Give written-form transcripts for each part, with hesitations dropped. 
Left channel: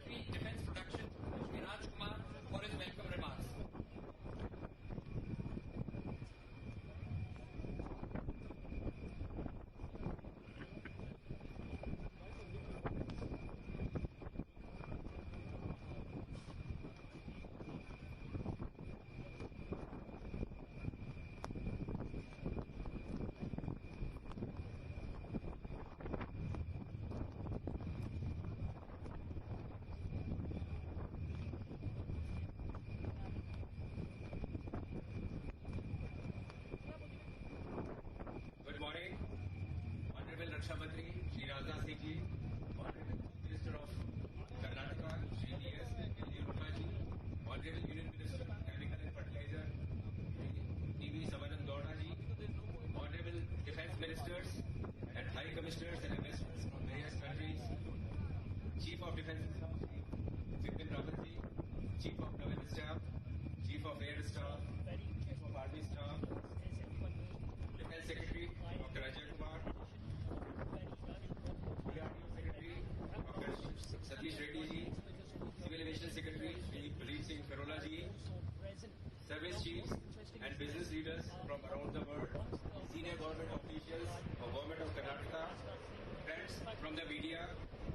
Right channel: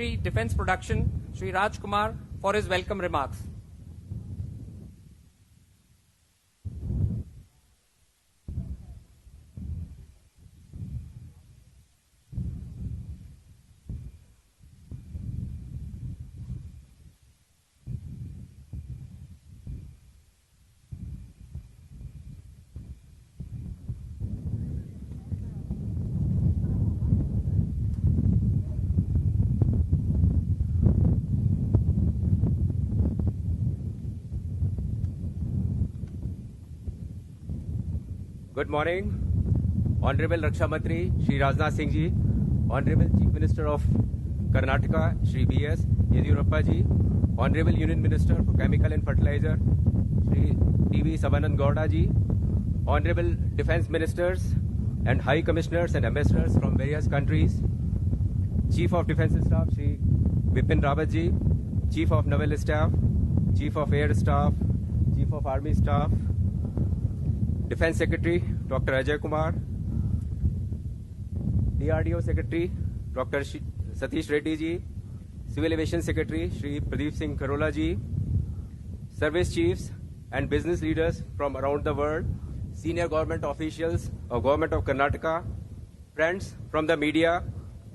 Secretary, Defence Production, Shri Raj Kumar, for his welcome remarks. Good morning, Honorable Raksha Mantri Shri Rajnath Singh Ji, Honorable Chief Minister of Karnataka Shri B.S. Yediyurappa Ji, Honorable Union Minister for Chemical and Fertilizer Shri T.V. Sabanand Gowda Ji, Honorable Defence Ministers and High Commissioners and Ambassadors from various countries, Chief of Defence Staff Shri Bipin Rawat Ji, Chief of Naval Staff, Chief of Air Staff, Chief of Army Staff, Defence Secretary Dr. Ajay Kumar, DRDO Secretary Dr. Satish Reddy Ji, Civil Aviation Secretary Shri Pradeep Singh Kharola Ji, Service Chiefs and business leaders from around the world, senior government officials of Government of Karnataka, friends from the media,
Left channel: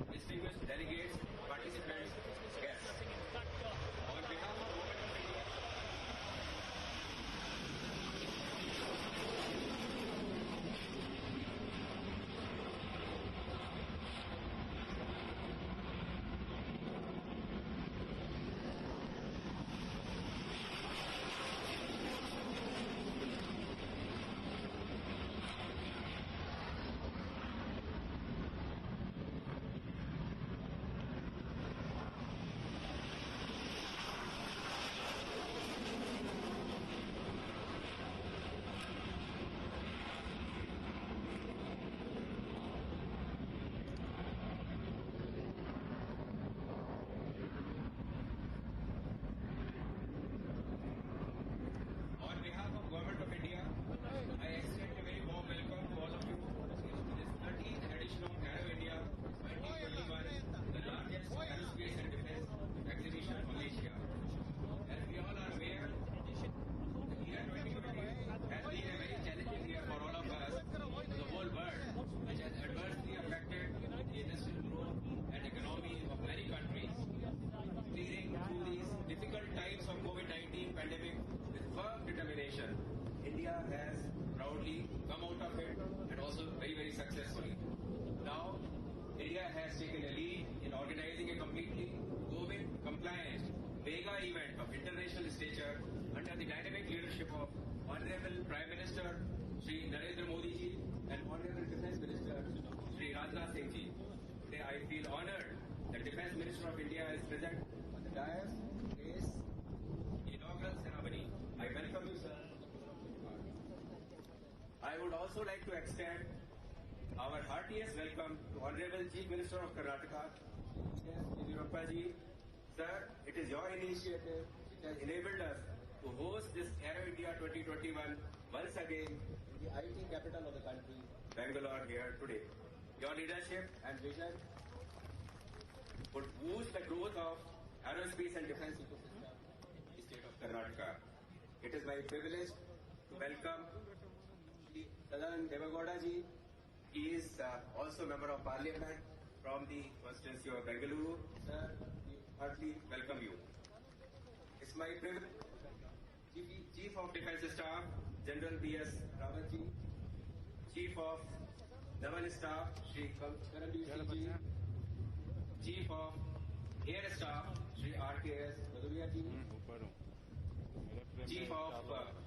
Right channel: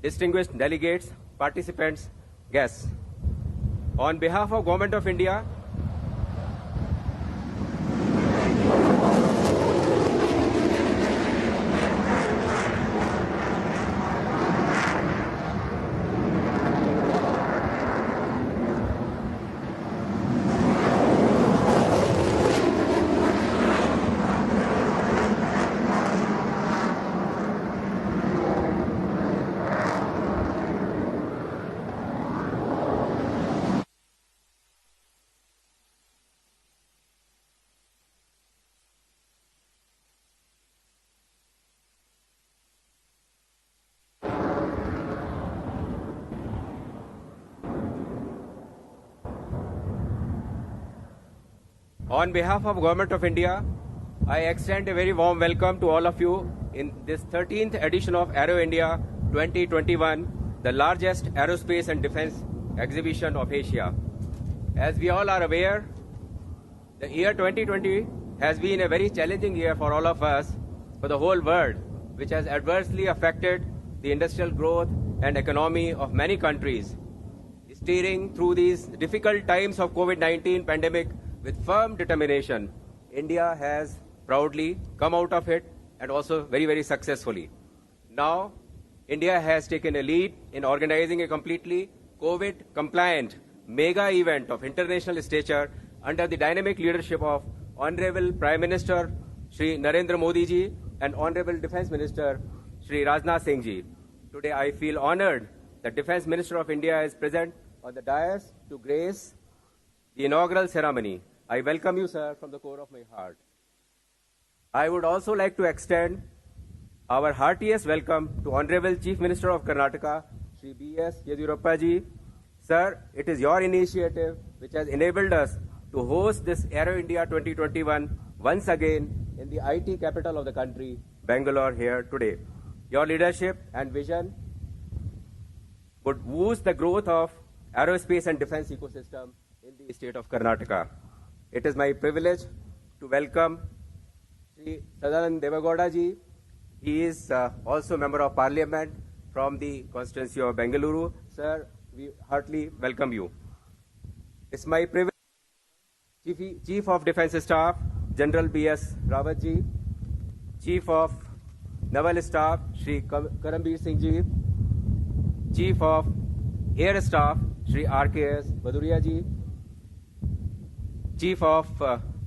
distinguished delegates, participants, guests. On behalf of Government of India, on behalf of Government of India, I extend a very warm welcome to all of you in this 13th edition of Aero India 2021, the largest aerospace and defense exhibition of Asia. As we all are aware, the year 2020 has been a very challenging year for all of us, for the whole world, which has adversely affected the industrial growth and economy of many countries. Steering through these difficult times of COVID-19 pandemic with firm determination, India has proudly come out of it and also very, very successfully. Now, India has taken a lead in organizing a completely COVID-compliant mega event of international stature under the dynamic leadership of Honorable Prime Minister Shri Narendra Modi Ji and Honorable Defence Minister Shri Rajnath Singh Ji. Today, I feel honored that Defence Minister of India is present on the dais to grace the inaugural ceremony. I welcome you, sir, from the core of my heart. I would also like to extend our heartiest welcome to Honorable Chief Minister of Karnataka, Shri B.S. Yediyurappa Ji. Sir, it is your initiative which has enabled us to host this Aero India 2021 once again in the IT capital of the country, Bangalore, here today. Your leadership and vision would boost the growth of aerospace and defense ecosystem in the state of Karnataka. It is my privilege to welcome Shri Sadanand Devagowda Ji. He is also Member of Parliament from the constituency of Bengaluru. Sir, we heartily welcome you. It's my privilege, Chief of Defence Staff, General B.S. Rawat Ji, Chief of Naval Staff, Shri Karambir Singh Ji, Chief of Air Staff, Shri R.K.S. Bhaduria Ji, Chief of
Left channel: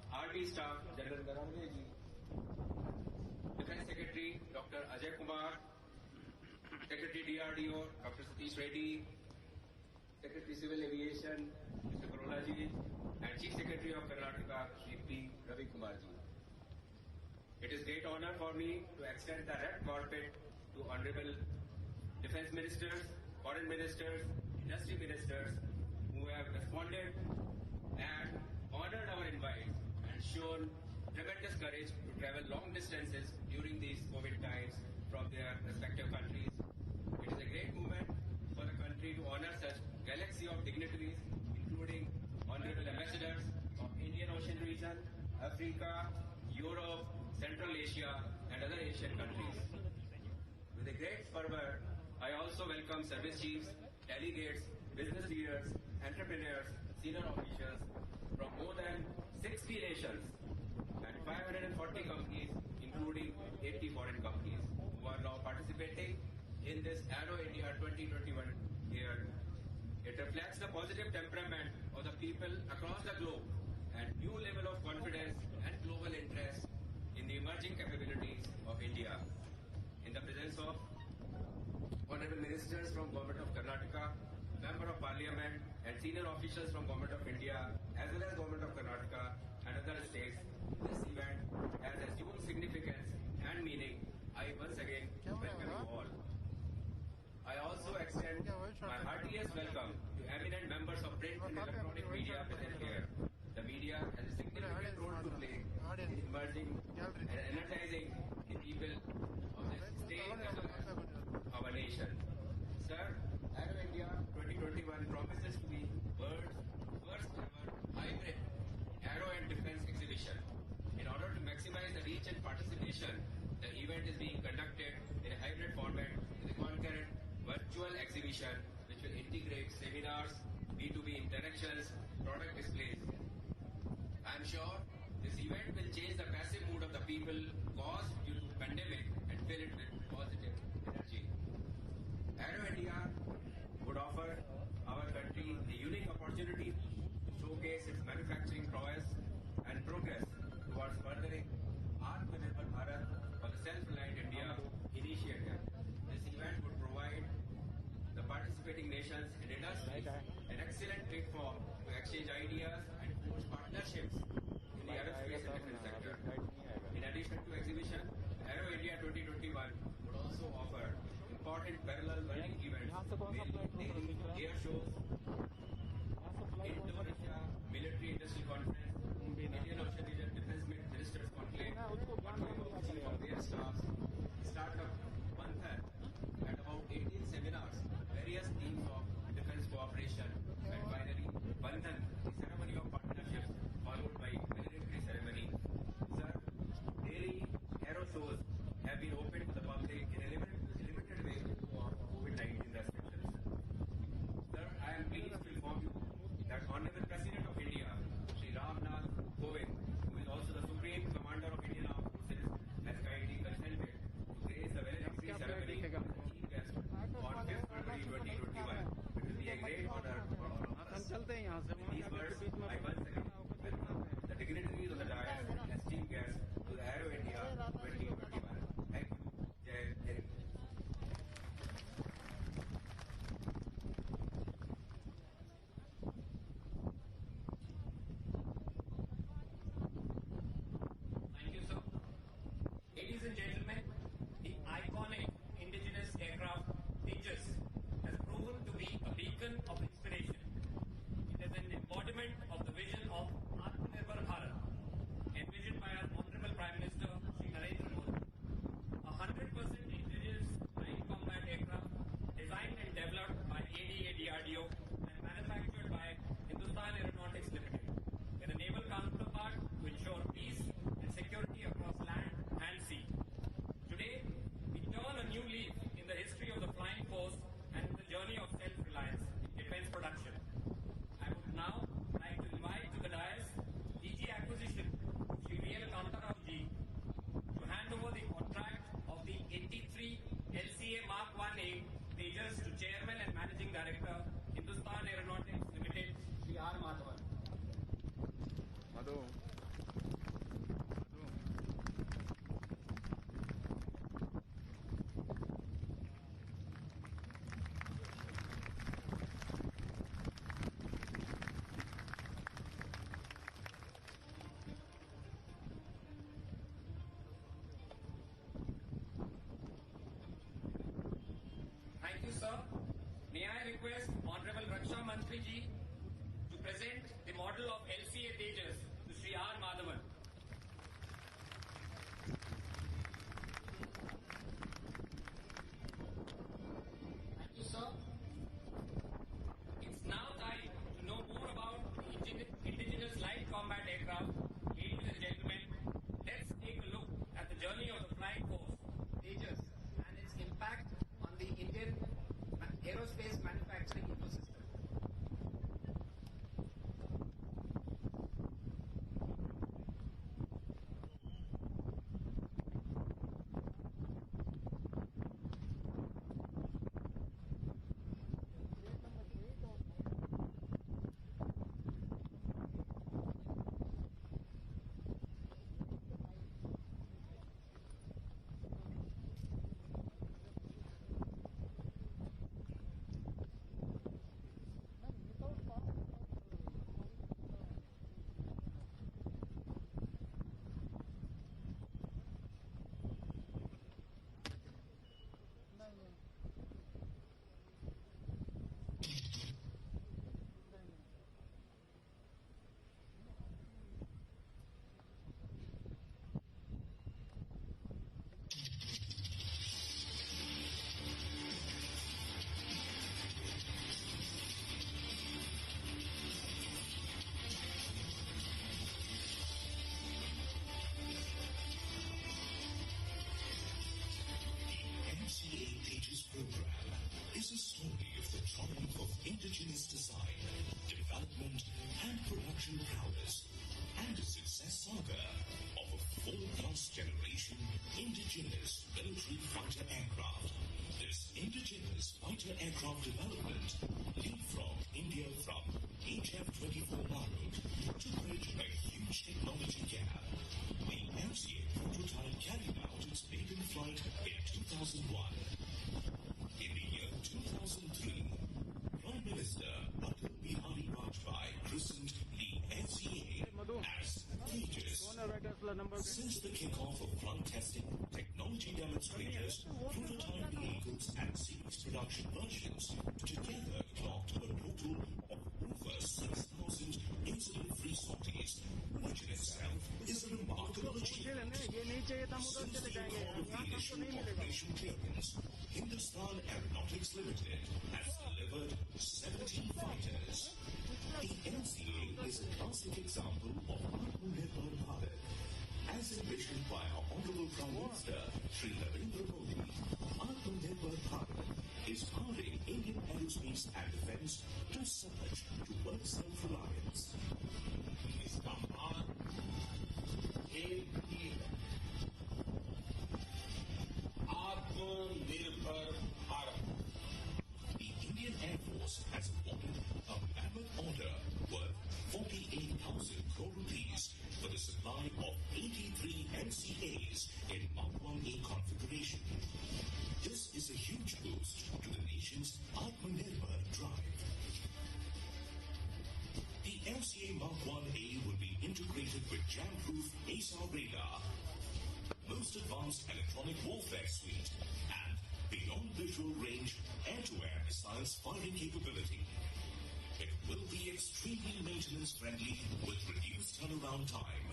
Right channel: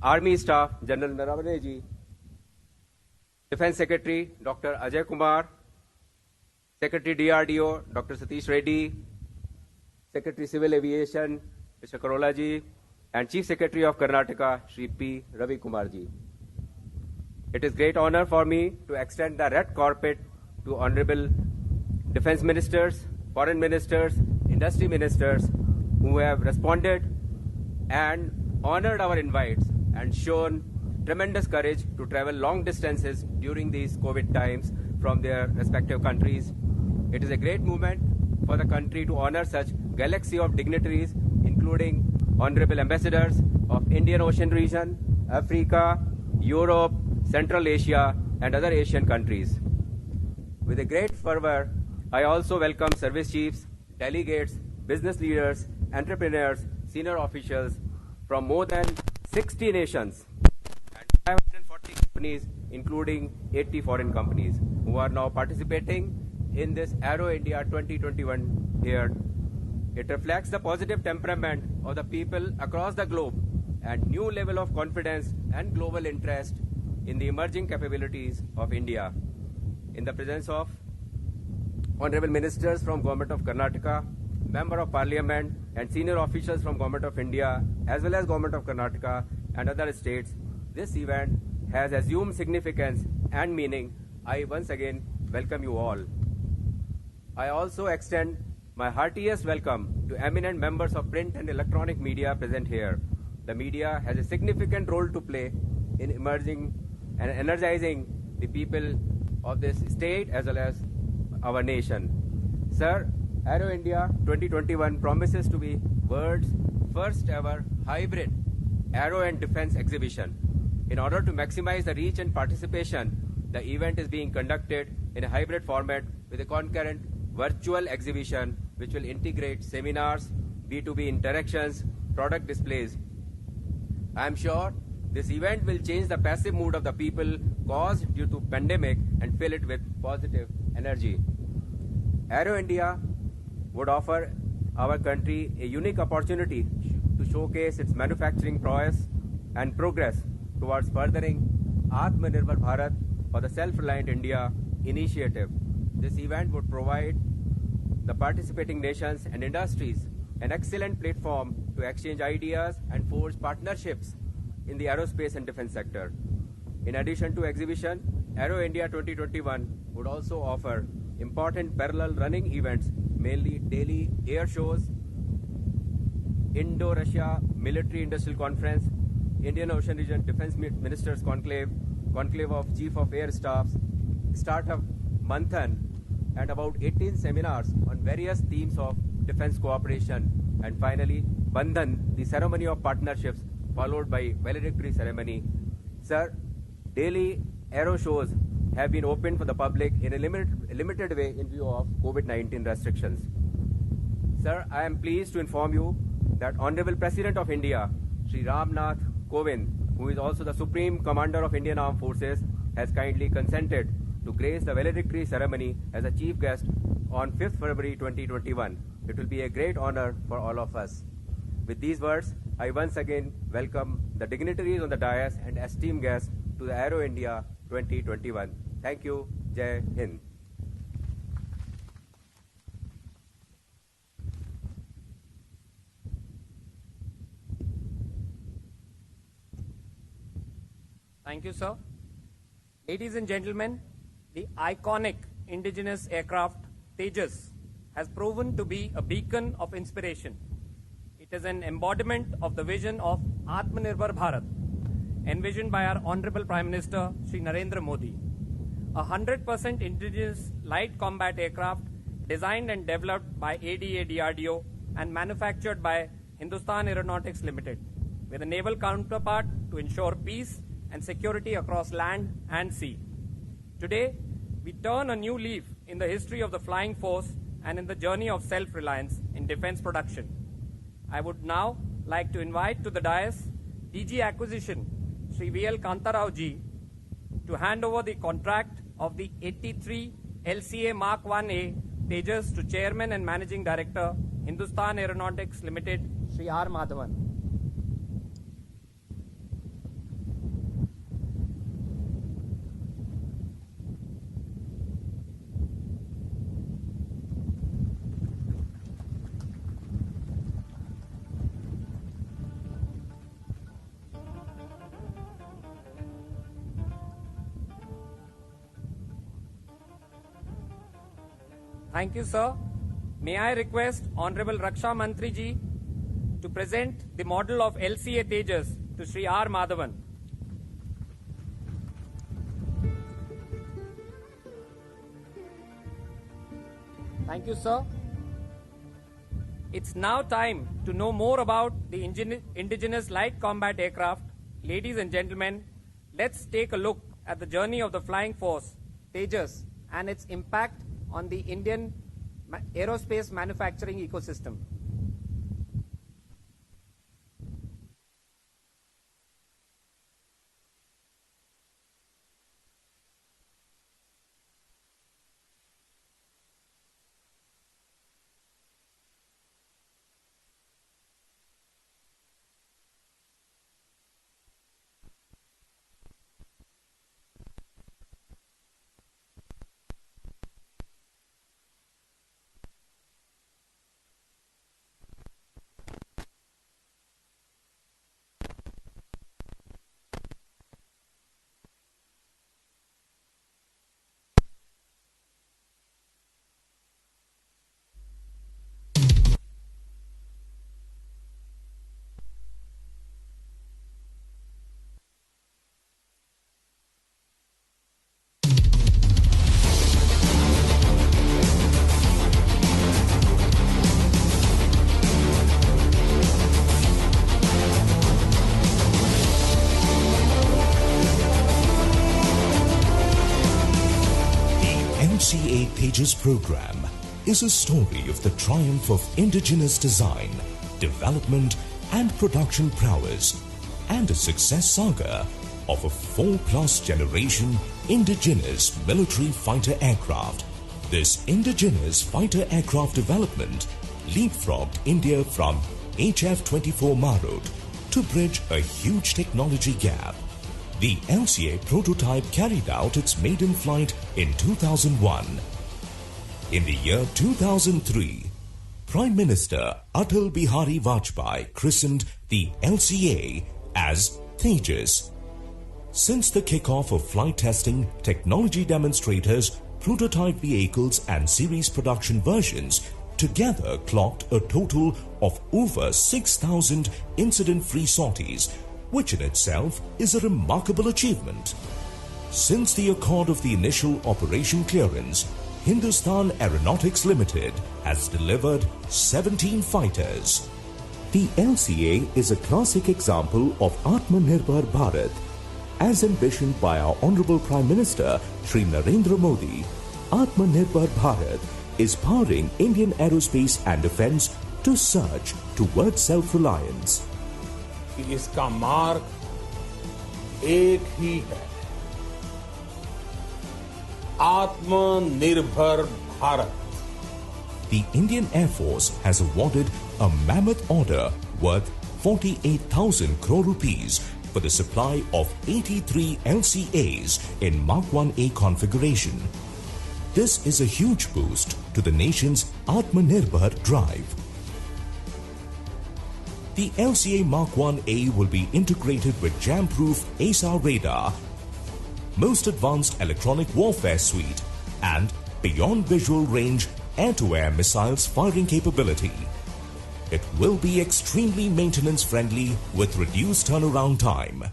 Army Staff, General Naravane Ji, Defence Secretary, Dr. Ajay Kumar, Secretary DRDO, Dr. Satish Reddy, Secretary Civil Aviation, Mr. Kharola Ji, and Chief Secretary of Karnataka, Shri P. Ravi Kumar Ji. It is great honor for me to extend the red carpet to Honorable Defence Ministers, Foreign Ministers, Industry Ministers who have responded and honored our invites and shown tremendous courage to travel long distances during these COVID times from their respective countries. It is a great moment for the country to honor such galaxy of dignitaries, including honorable ambassadors of Indian Ocean region, Africa, Europe, Central Asia, and other Asian countries. With a great fervor, I also welcome service chiefs, delegates, business leaders, entrepreneurs, senior officials from more than 60 nations and 540 companies, including 80 foreign companies, who are now participating in this Aero India 2021 here. It reflects the positive temperament of the people across the globe and new level of confidence and global interest in the emerging capabilities of India. In the presence of honorable ministers from Government of Karnataka, Member of Parliament and senior officials from Government of India as well as Government of Karnataka and other states, this event has assumed significance and meaning. I once again welcome you all. I also extend my heartiest welcome to eminent members of print and electronic media present here. The media has a significant role to play in emerging and energizing the people of this state as well as our nation. Sir, Aero India 2021 promises to be world's first ever hybrid aero and defense exhibition. In order to maximize the reach and participation, the event is being conducted in a hybrid format with a concurrent virtual exhibition which will integrate seminars, B2B interactions, product displays. I am sure this event will change the passive mood of the people caused due to pandemic and fill it with positive energy. Aero India would offer our country a unique opportunity to showcase its manufacturing prowess and progress towards furthering Atmanirbhar Bharat or the Self-Reliant India initiative. This event would provide the participating nations and industries an excellent platform to exchange ideas and forge partnerships in the aerospace and defense sector. In addition to exhibition, Aero India 2021 would also offer important parallel running events, mainly daily air shows, Indo-Russia Military Industrial Conference, Indian Ocean Region Defense Ministers Conclave, Conclave of Chief of Air Staffs, Startup Manthan, and about 18 seminars on various themes of defense cooperation, and finally, Bandhan, the ceremony of partnerships, followed by valedictory ceremony. Sir, daily aero shows have been opened for the public in a limited way in view of COVID-19 restrictions. Sir, I am pleased to inform you that Honorable President of India, Shri Ram Nath Kovind, who is also the Supreme Commander of Indian Armed Forces, has kindly consented to grace the valedictory ceremony as a chief guest on 5th February 2021. It will be a great honor for all of us. With these words, I once again welcome the dignitaries on the dais and esteemed guests to the Aero India 2021. Thank you. Jai Hind. Thank you, sir. Ladies and gentlemen, the iconic indigenous aircraft Tejas has proven to be a beacon of inspiration. It is an embodiment of the vision of Atmanirbhar Bharat, envisioned by our Honorable Prime Minister, Shri Narendra Modi. A 100% indigenous light combat aircraft designed and developed by ADA DRDO and manufactured by Hindustan Aeronautics Limited, with a naval counterpart to ensure peace and security across land and sea. Today, we turn a new leaf in the history of the flying force and in the journey of self-reliance in defense production. I would now like to invite to the dais DG Acquisition, Sri VL Kantarao ji, to hand over the contract of the 83 LCA Mark 1A Tejas to Chairman and Managing Director, Hindustan Aeronautics Limited, Sri R. Madhavan. Thank you, sir. May I request Honorable Raksha Mantri ji to present the model of LCA Tejas to Sri R. Madhavan. Thank you, sir. It's now time to know more about the indigenous light combat aircraft. Ladies and gentlemen, let's take a look at the journey of the Flying Force, Tejas, and its impact on the Indian aerospace manufacturing ecosystem. LCA Tejas program is a story of the triumph of indigenous design, development and production prowess, and a success saga of a 4+ generation indigenous military fighter aircraft. This indigenous fighter aircraft development leapfrogged India from HF-24 Marut to bridge a huge technology gap. The LCA prototype carried out its maiden flight in 2001. In the year 2003, Prime Minister Atal Bihari Vajpayee christened the LCA as Tejas. Since the kickoff of flight testing, technology demonstrators, prototype vehicles and series production versions together clocked a total of over 6,000 incident-free sorties, which in itself is a remarkable achievement. Since the accord of the initial operation clearance, Hindustan Aeronautics Limited has delivered 17 fighters. The LCA is a classic example of Atmanirbhar Bharat. As envisioned by our Honorable Prime Minister Shri Narendra Modi, Atmanirbhar Bharat is powering Indian aerospace and defense to surge towards self-reliance. इसका मार्ग एक ही है, आत्मनिर्भर Bharat. The Indian Air Force has awarded a mammoth order worth 48,000 crore rupees for the supply of 83 LCAs in Mark 1A configuration. This is a huge boost to the nation's Atmanirbhar drive. The LCA Mark 1A will be integrated with jam-proof ASAR radar, most advanced electronic warfare suite, and beyond visual range air-to-air missiles firing capability. It will be extremely maintenance-friendly with reduced turnaround time.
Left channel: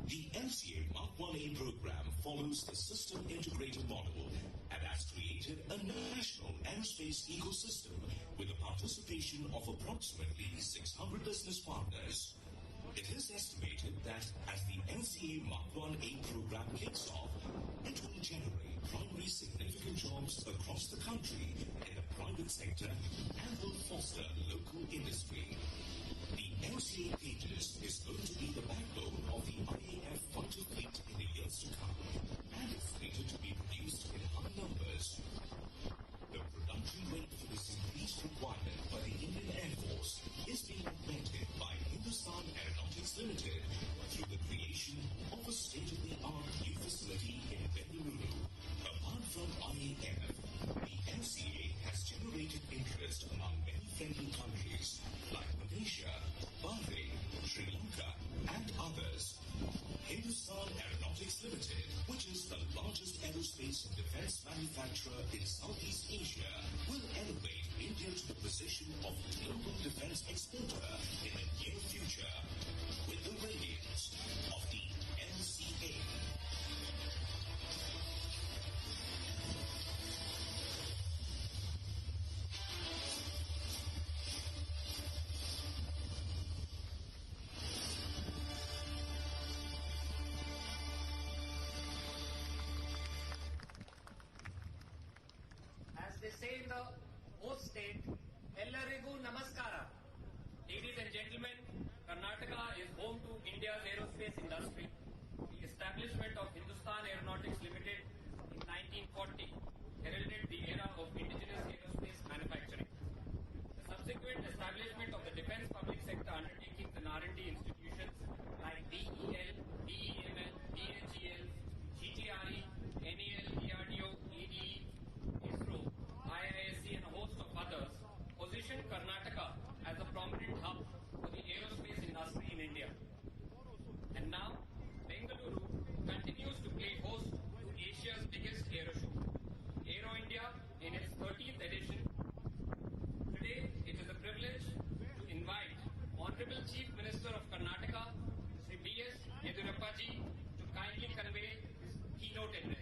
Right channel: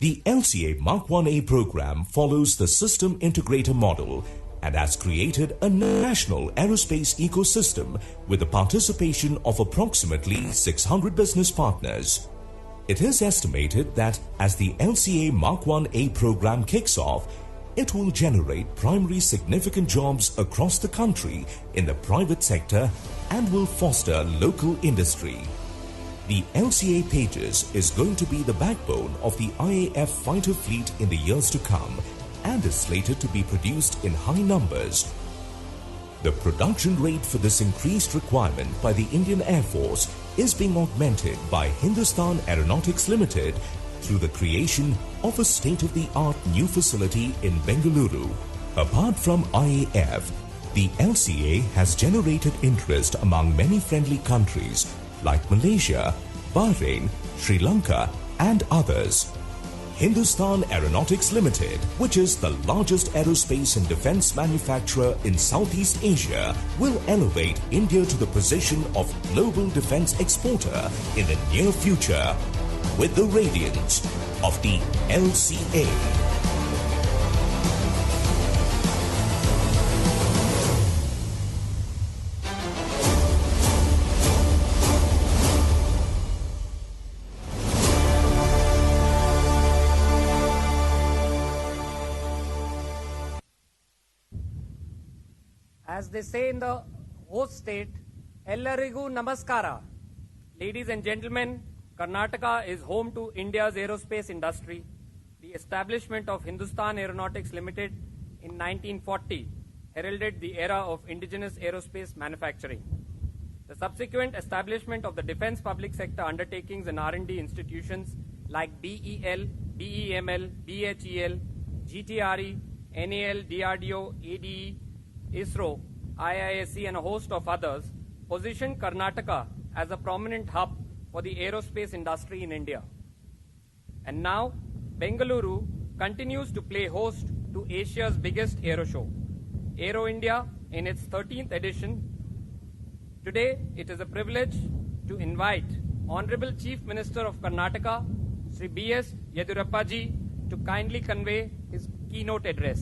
The LCA Mark 1A program follows the system integrator model and has created a national aerospace ecosystem with the participation of approximately 600 business partners. It is estimated that as the LCA Mark 1A program kicks off, it will generate primary significant jobs across the country in the private sector and will foster local industry. The LCA Tejas is going to be the backbone of the IAF fighter fleet in the years to come and is slated to be produced in high numbers. The production rate for this increased requirement by the Indian Air Force is being augmented by Hindustan Aeronautics Limited through the creation of a state-of-the-art new facility in Bengaluru. Apart from IAF, the LCA has generated interest among many friendly countries like Malaysia, Bahrain, Sri Lanka and others. Hindustan Aeronautics Limited, which is the largest aerospace and defense manufacturer in Southeast Asia, will elevate India to the position of global defense exporter in the near future with the radiance of the LCA. as they say in the host state, Ellarigu Namaskara. Ladies and gentlemen, Karnataka is home to India's aerospace industry. The establishment of Hindustan Aeronautics Limited in 1940 heralded the era of indigenous aerospace manufacturing. The subsequent establishment of the defense public sector undertakings and R&D institutions like BEL, BEML, BHEL, GTRE, NAL, DRDO, ADE, ISRO, IISc and a host of others positioned Karnataka as a prominent hub for the aerospace industry in India. And now, Bengaluru continues to play host to Asia's biggest aero show, Aero India, in its 13th edition. Today, it is a privilege to invite Honorable Chief Minister of Karnataka, Sri B.S. Yedurappa ji, to kindly convey his keynote address.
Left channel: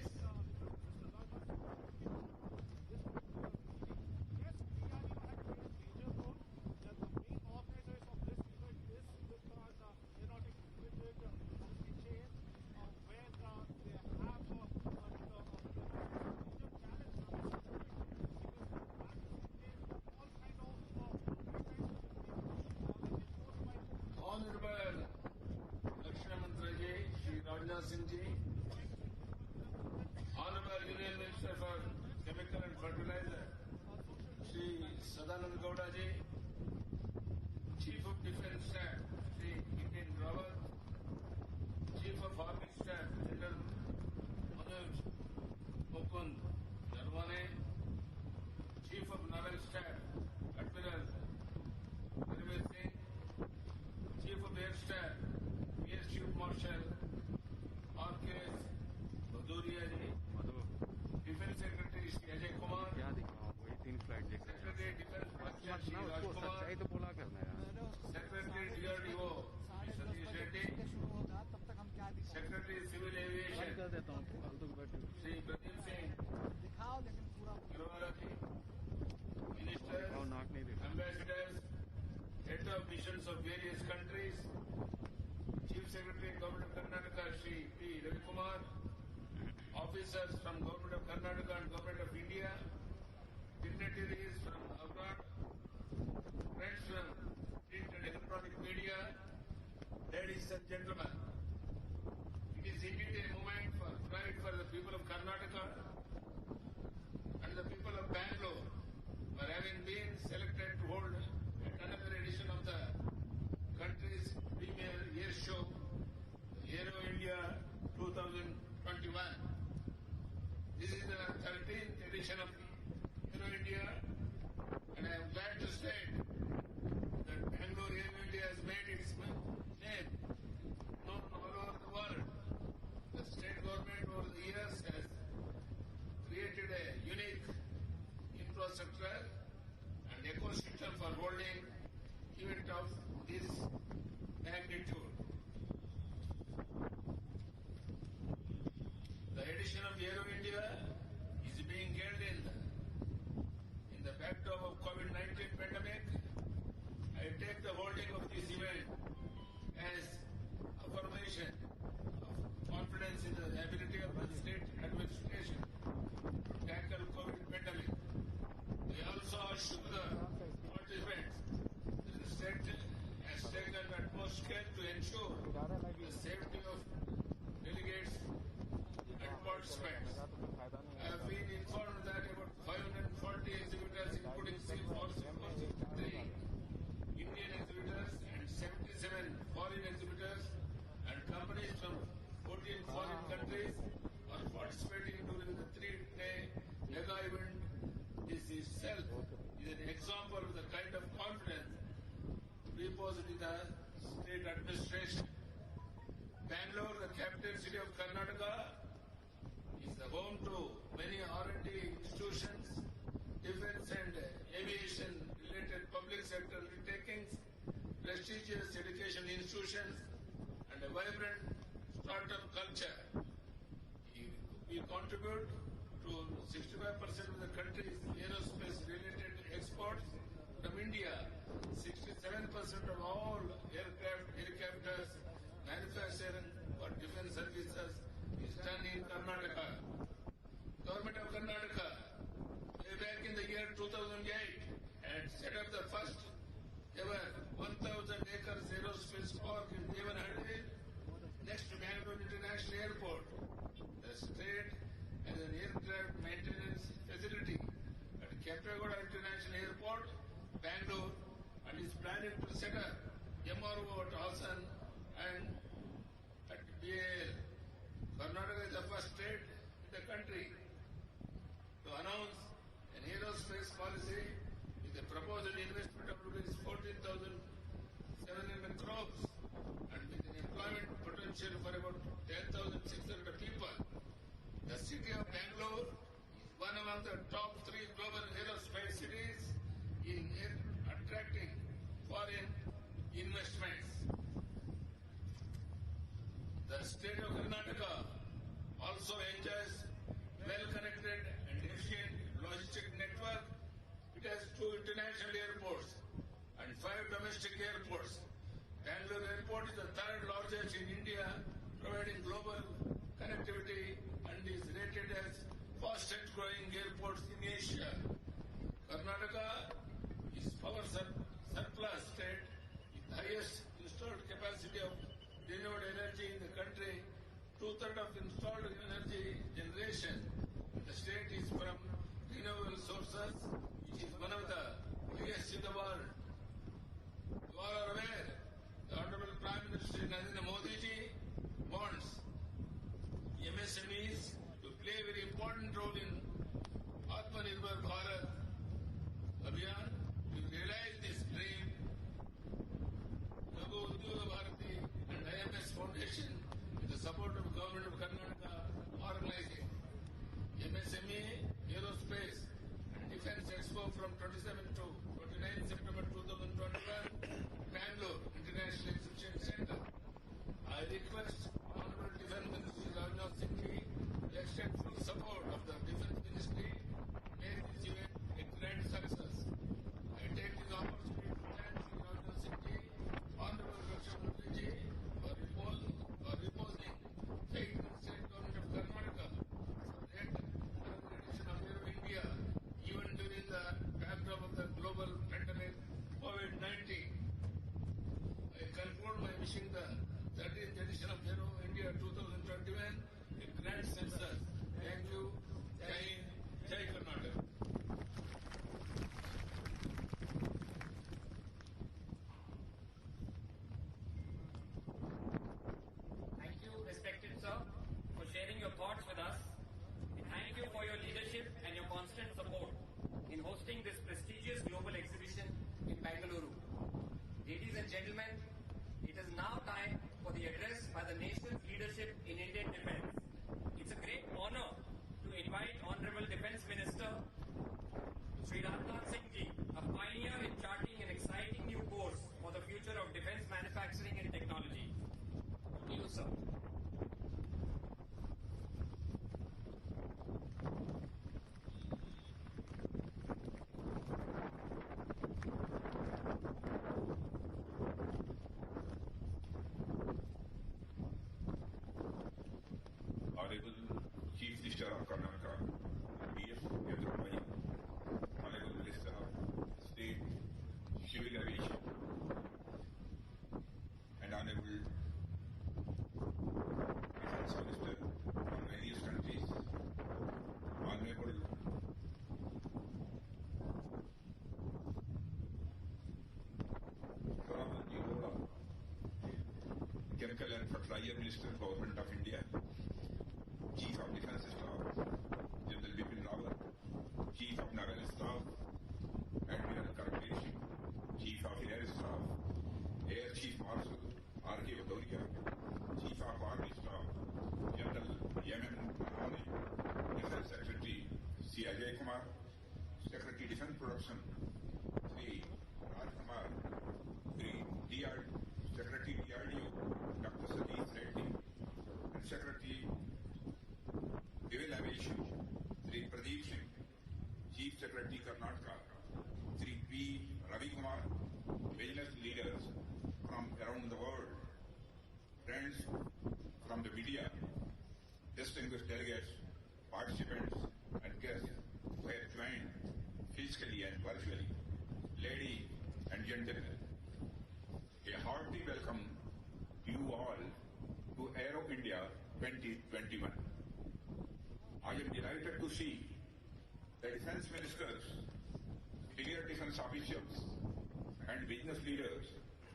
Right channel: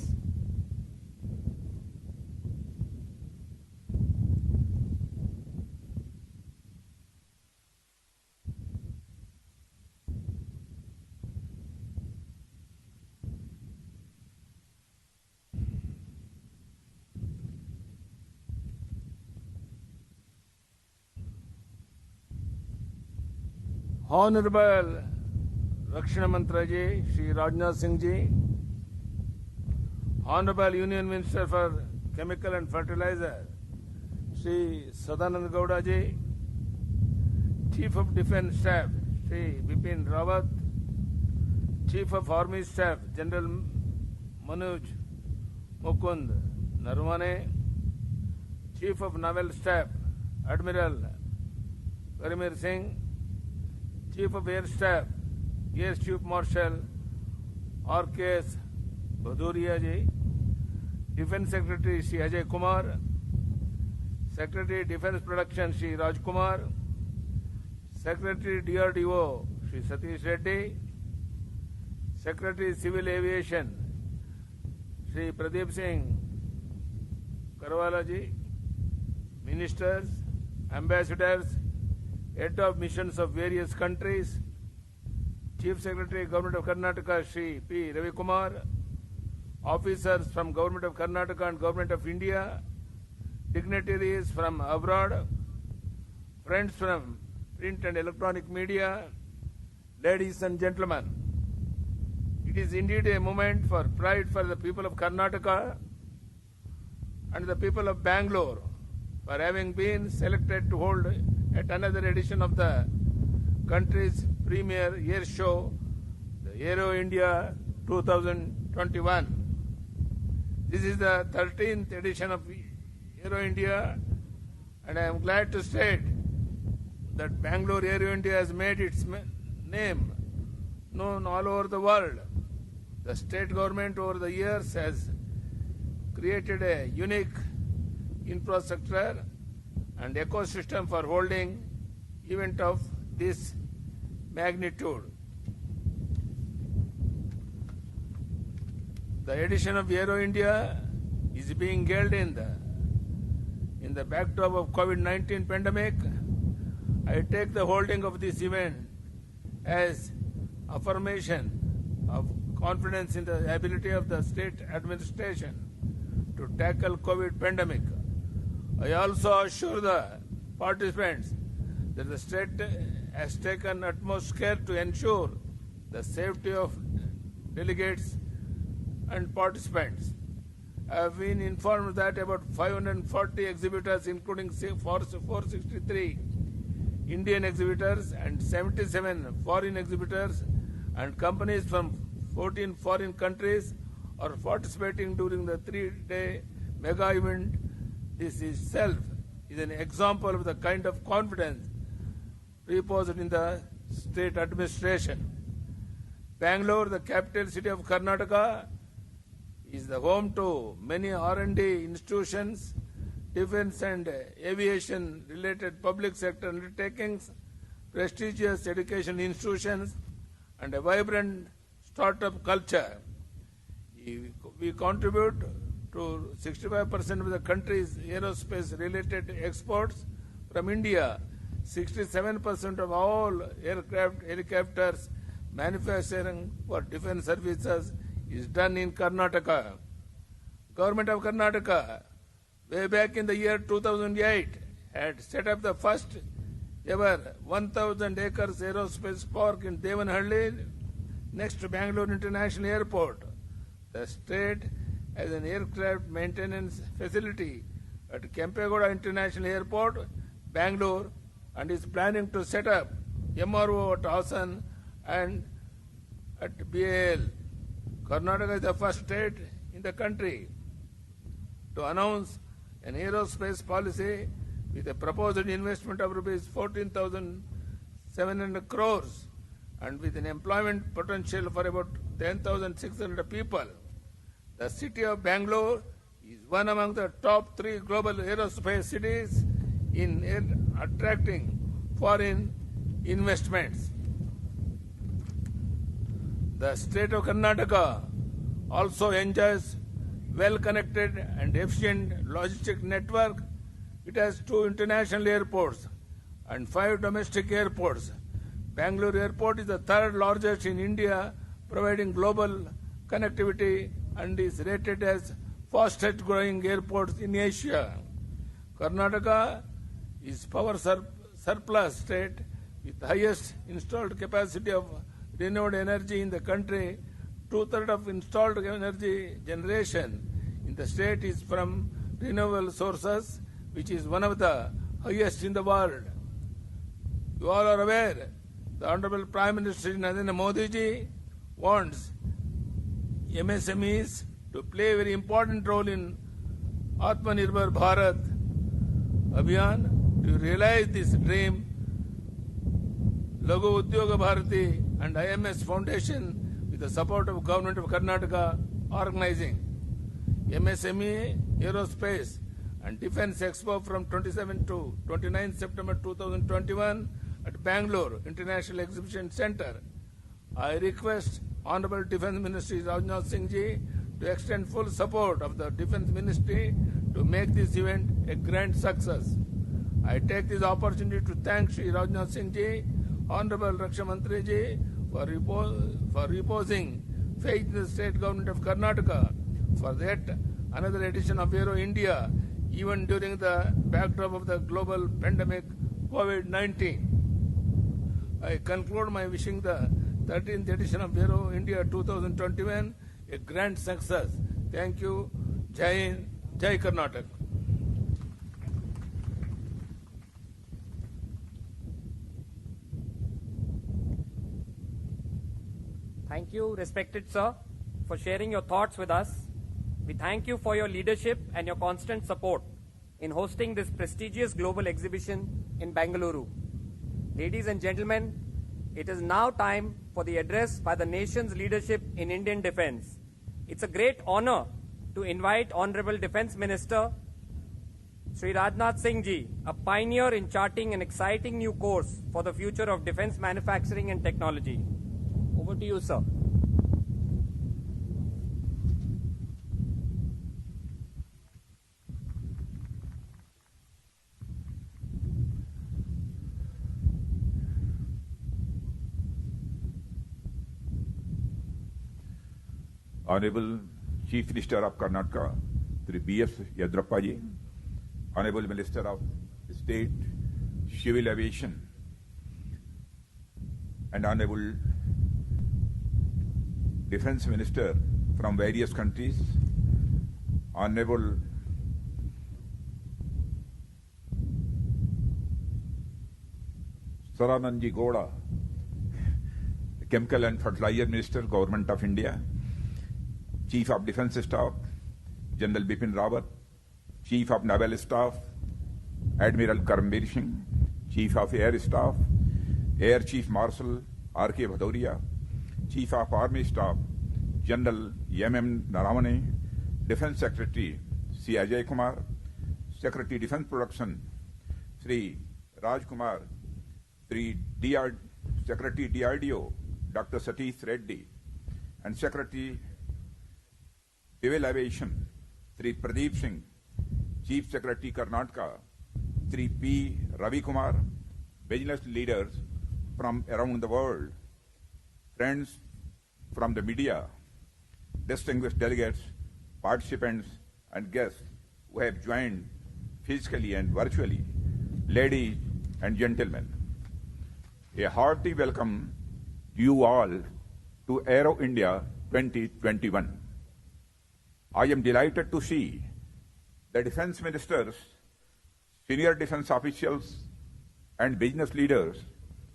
Honorable Rakshana Mantra ji, Shri Rajnath Singh ji, Honorable Union Minister for Chemical and Fertilizer, Shri Sadanand Gowda ji, Chief of Defence Staff, Shri Bipin Rawat, Chief of Army Staff, General Manoj Mukund Narwane, Chief of Naval Staff, Admiral Karimir Singh, Chief of Air Staff, Air Chief Marshal R.K.S. Bhaduria ji, Defence Secretary Shri Ajay Kumar, Secretary Defence Production Shri Raj Kumar, Secretary DRDO Shri Satish Reddy, Secretary Civil Aviation Shri Pradeep Singh Karwala ji, Ministers, Ambassadors, Head of Missions of various countries, Chief Secretary Government of Karnataka Shri P. Ravi Kumar, officers from Government of Karnataka and Government of India, dignitaries from abroad, friends from print and electronic media, ladies and gentlemen. It is indeed a moment for pride for the people of Karnataka and the people of Bangalore for having been selected to hold at another edition of the country's premier air show, the Aero India 2021. This is the 13th edition of Aero India, and I am glad to state that Bangalore Aero India has made its name known all over the world. The state government over the years has created a unique infrastructure and ecosystem for holding event of this magnitude. The edition of Aero India is being held in the backdrop of COVID-19 pandemic. I take the holding of this event as affirmation of confidence in the ability of the state administration to tackle COVID pandemic. I also assure the participants that the state has taken utmost care to ensure the safety of delegates and participants. I have been informed that about 540 exhibitors, including 463 Indian exhibitors and 77 foreign exhibitors and companies from 14 foreign countries, are participating during the 3-day mega event. This itself is an example of the kind of confidence reposed in the state administration. Bangalore, the capital city of Karnataka, is the home to many R&D institutions, defense and aviation related public sector undertakings, prestigious education institutions, and a vibrant startup culture. We contribute to 65% of the country's aerospace related exports from India. 67% of all helicopters manufacturing for defense services is done in Karnataka. Government of Karnataka way back in the year 2008, had set up the first ever 1,000 acres aerospace park in Devanhalli next to Bangalore International Airport. The state has an aircraft maintenance facility at Kempegowda International Airport, Bangalore, and is planning to set up MRO at Hassan and at BAL. Karnataka is the first state in the country to announce an aerospace policy with a proposed investment of rupees 14,700 crores and with an employment potential for about 10,600 people. The city of Bangalore is one among the top 3 global aerospace cities in attracting foreign investments. The state of Karnataka also enjoys well-connected and efficient logistic network. It has 2 international airports and 5 domestic airports. Bangalore Airport is the 3rd largest in India, providing global connectivity and is rated as fastest growing airport in Asia. Karnataka is power surplus state with highest installed capacity of renewable energy in the country. 2/3 of installed energy generation in the state is from renewable sources, which is one of the highest in the world. You all are aware, the Honorable Prime Minister Narendra Modi ji wants MSMEs to play a very important role in Atmanirbhar Bharat Abhiyan. To realize this dream, Laghu Udyoga Bharati and IMS Foundation, with the support of Government of Karnataka, organizing MSME Aerospace and Defence Expo from 27 to 29 September 2021 at Bangalore International Exhibition Centre. I request Honorable Defence Ministry Rajnath Singh ji to extend full support of the Defence Ministry to make this event a grand success. I take this opportunity to thank Shri Rajnath Singh ji, Honorable Raksha Mantri ji, for reposing faith in the state government of Karnataka for yet another edition of Aero India, even during the backdrop of the global pandemic COVID-19. I conclude my wishing the 13th edition of Aero India 2021 a grand success. Thank you. Jai Hind, Jai Karnataka. Thank you, respected sir, for sharing your thoughts with us. We thank you for your leadership and your constant support in hosting this prestigious global exhibition in Bengaluru. Ladies and gentlemen, it is now time for the address by the nation's leadership in Indian defense. It's a great honor to invite Honorable Defense Minister Shri Rajnath Singh ji, a pioneer in charting an exciting new course for the future of defense manufacturing and technology. Over to you, sir. Honorable Chief Minister of Karnataka, Sri B.S. Yedurappa ji, Honorable Minister of State, Civil Aviation, and Honorable Defense Minister from various countries, Honorable Sadanand Gowda, Chemical and Fertilizer Minister, Government of India, Chief of Defence Staff, General Bipin Rawat, Chief of Naval Staff, Admiral Karambir Singh, Chief of Air Staff, Air Chief Marshal R.K. Bhadauria, Chief of Army Staff, General M.M. Naravane, Defence Secretary C. Ajay Kumar, Secretary Defence Production Sri Raj Kumar, Secretary DRDO Dr. Satish Reddy, and Secretary Civil Aviation Sri Pradeep Singh, Chief Secretary Karnataka Sri P. Ravi Kumar, business leaders from around the world, friends from the media, distinguished delegates, participants and guests, who have joined physically and virtually, ladies and gentlemen. A hearty welcome to you all to Aero India 2021. I am delighted to see the defense ministers, senior defense officials, and business leaders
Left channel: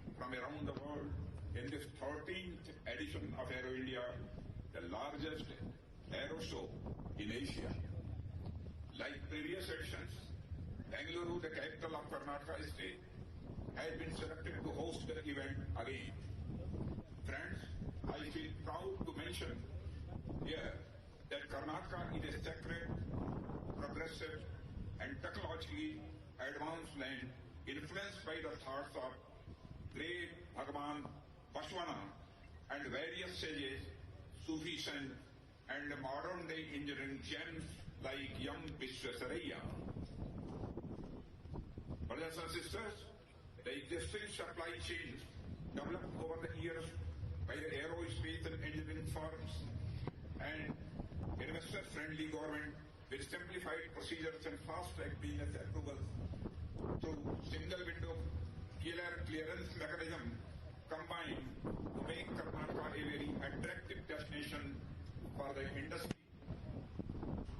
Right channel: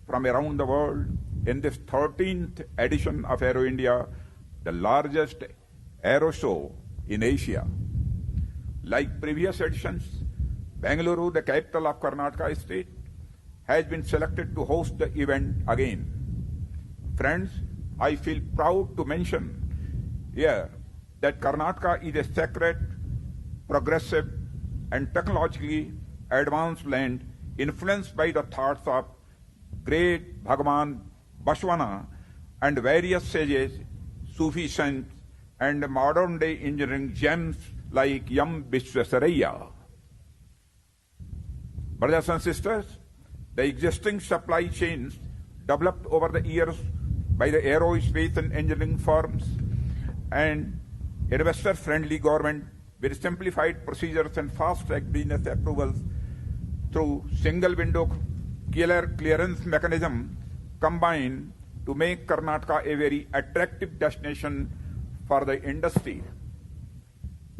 from around the world in this 13th edition of Aero India, the largest aero show in Asia. Like previous editions, Bengaluru, the capital of Karnataka state, has been selected to host the event again. Friends, I feel proud to mention here that Karnataka is a sacred, progressive, and technologically advanced land influenced by the thoughts of great Bhagavan Bashwana and various sages, Sufi saints, and modern-day engineering gems like Yam Vishwasaraya. Brothers and sisters, the existing supply chains developed over the years by the aerospace and engineering firms and investor-friendly government with simplified procedures and fast-track business approvals through single-window clearance mechanism combined to make Karnataka a very attractive destination for the industry.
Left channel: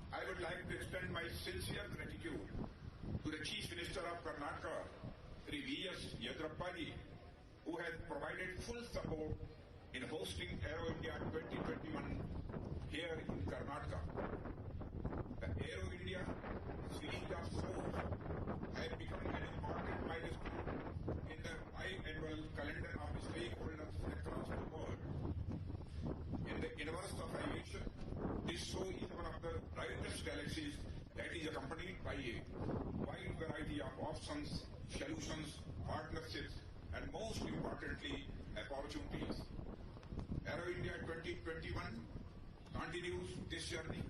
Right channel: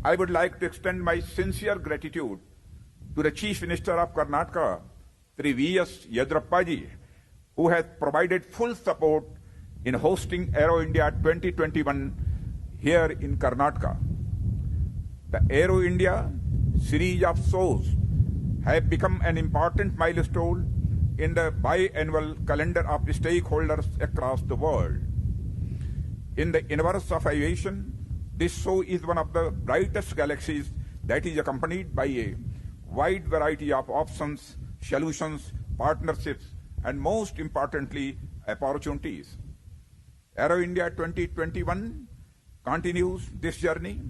I would like to extend my sincere gratitude to the Chief Minister of Karnataka, Sri V.S. Yedurappaji, who has provided full support in hosting Aero India 2021 here in Karnataka. The Aero India series of shows have become an important milestone in the biannual calendar of the stakeholders across the world. In the universe of aviation, this show is one of the brightest galaxies that is accompanied by a wide variety of options, solutions, partnerships, and most importantly, opportunities. Aero India 2021 continues this journey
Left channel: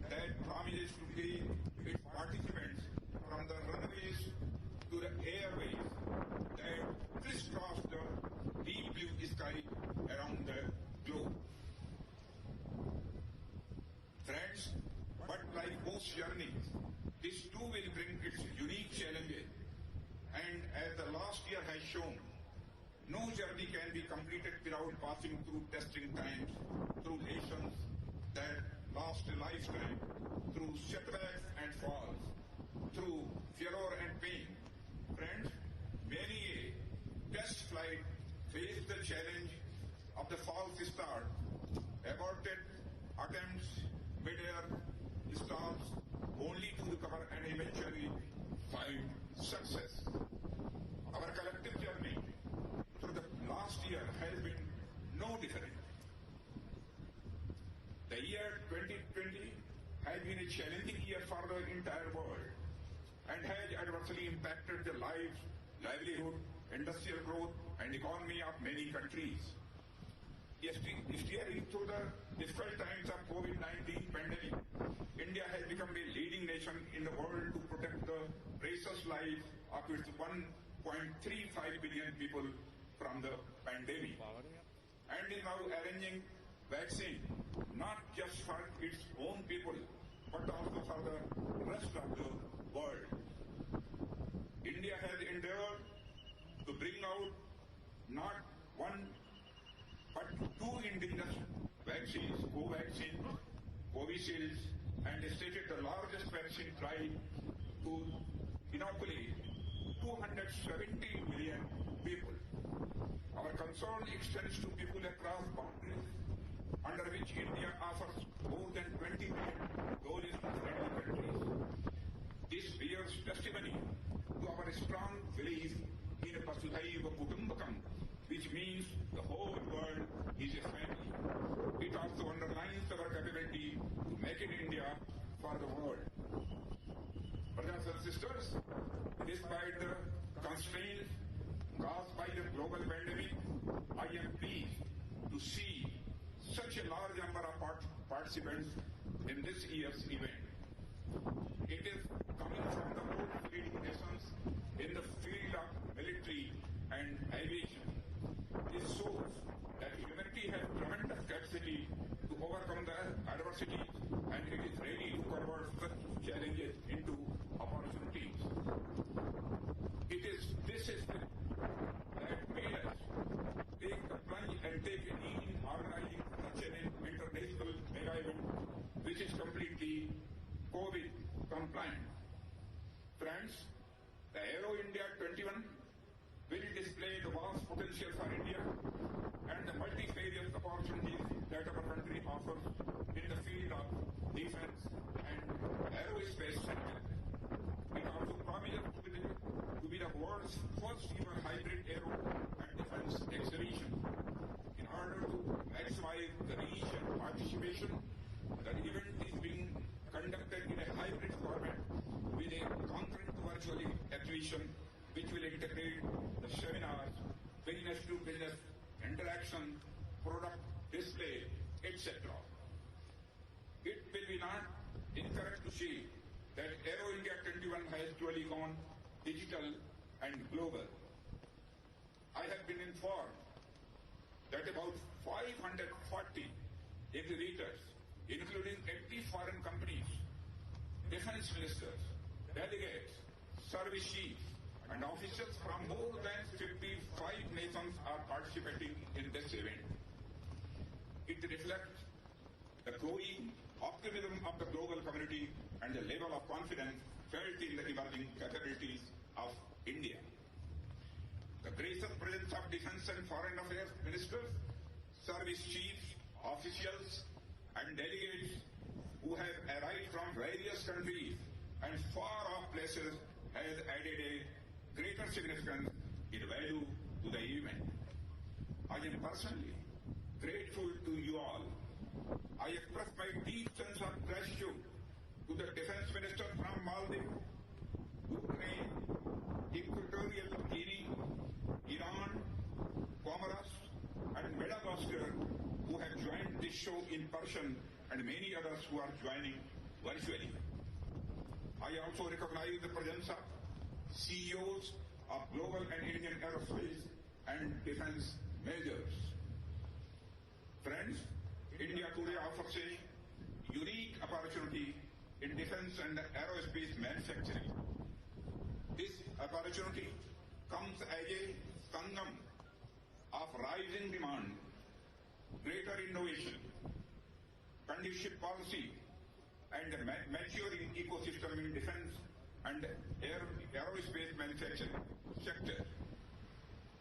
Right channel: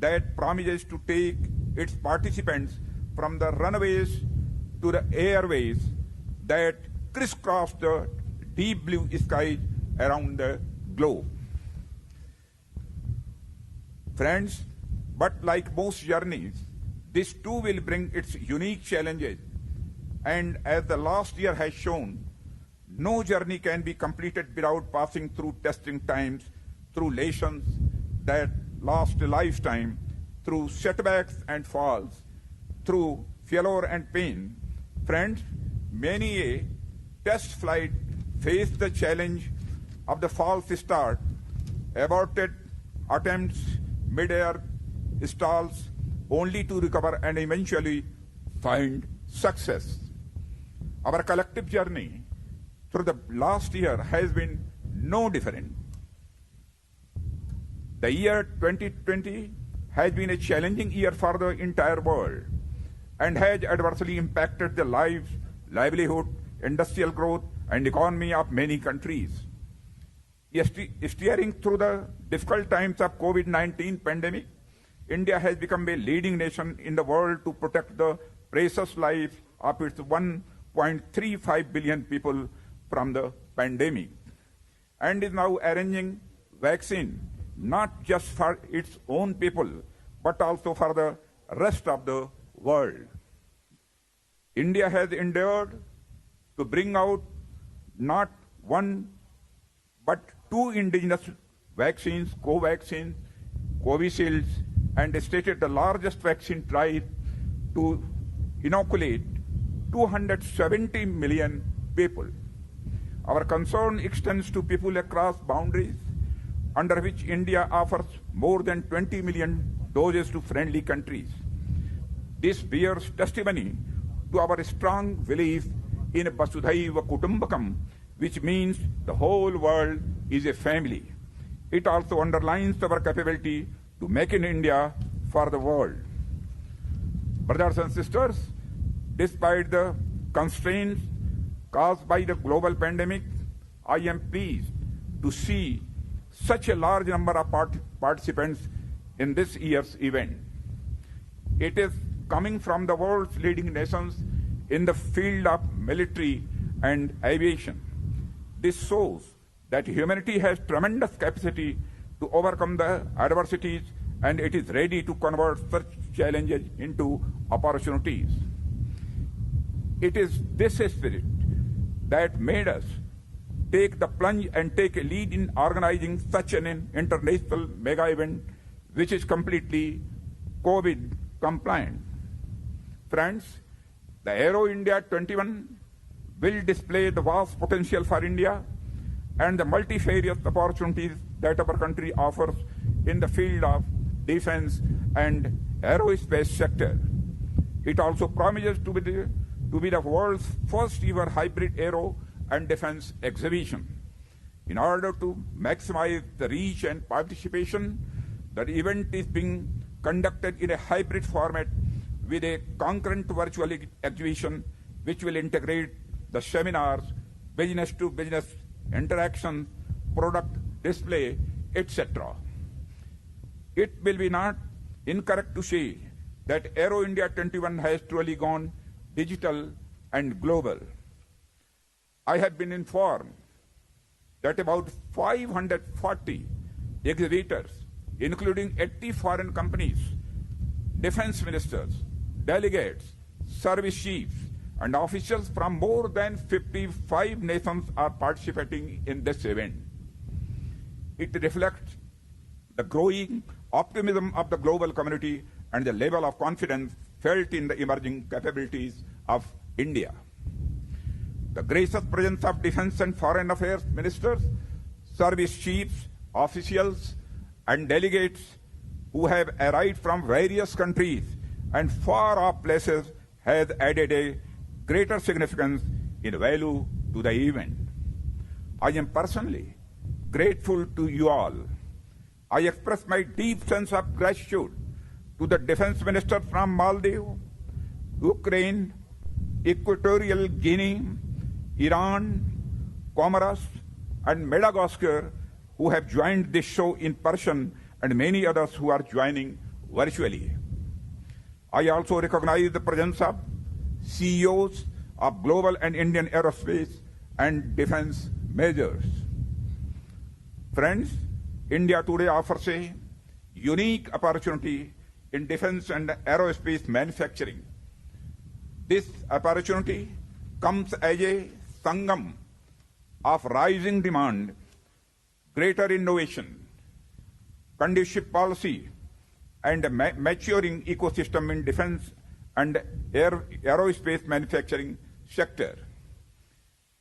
that promises to take its participants from the runways to the airways that crisscross the deep blue sky around the globe. Friends, but like most journeys, this too will bring its unique challenges. And as the last year has shown, no journey can be completed without passing through testing times, through lessons that last a lifetime, through setbacks and falls, through failure and pain. Friends, many a test flight faced the challenge of the false start, aborted attempts, mid-air stalls, only to recover and eventually find success. Our collective journey through the last year has been no different. The year 2020 has been a challenging year for the entire world and has adversely impacted the lives, livelihood, industrial growth, and economy of many countries. Steering through the difficult times of COVID-19 pandemic, India has become a leading nation in the world to protect the precious life of its 1.35 billion people from the pandemic, and is now arranging vaccine not just for its own people, but also for the rest of the world. India has endeavored to bring out not one but two indigenous vaccines, Covaxin, Covishield, and stated the largest vaccine drive to inoculate 270 million people. Our concern extends to people across boundaries, under which India offers more than 20 million doses to friendly countries. This bears testimony to our strong belief in Vasudhaiva Kutumbakam, which means the whole world is a family. It also underlines our capability to make in India for the world. Brothers and sisters, despite the constraints caused by the global pandemic, I am pleased to see such a large number of participants in this year's event. It is coming from the world's leading nations in the field of military and aviation. This shows that humanity has tremendous capacity to overcome the adversities, and it is ready to convert such challenges into opportunities. It is this spirit that made us take the plunge and take a lead in organizing such an international mega event which is completely COVID compliant. Friends, the Aero India 21 will display the vast potential for India and the multifarious opportunities that our country offers in the field of defense and aerospace sector. It also promises to be the world's first ever hybrid aero and defense exhibition. In order to maximize the reach and participation, the event is being conducted in a hybrid format with a concurrent virtual exhibition which will integrate the seminars, business-to-business interaction, product display, etc. It will be not incorrect to say that Aero India 21 has truly gone digital and global. I have been informed that about 540 exhibitors, including 80 foreign companies, defense ministers, delegates, service chiefs, and officials from more than 55 nations are participating in this event. It reflects the growing optimism of the global community and the level of confidence felt in the emerging capabilities of India. The gracious presence of defense and foreign affairs ministers, service chiefs, officials, and delegates who have arrived from various countries and far-off places has added a greater significance in value to the event. I am personally grateful to you all. I express my deep sense of gratitude to the defense minister from Maldives, Ukraine, Equatorial Guinea, Iran, Comoros, and Madagascar who have joined this show in person and many others who are joining virtually. I also recognize the presence of CEOs of global and Indian aerospace and defense majors. Friends, India today offers a unique opportunity in defense and aerospace manufacturing. This opportunity comes as a sangam of rising demand, greater innovation, conducive policy, and a maturing ecosystem in defense and aerospace manufacturing sector.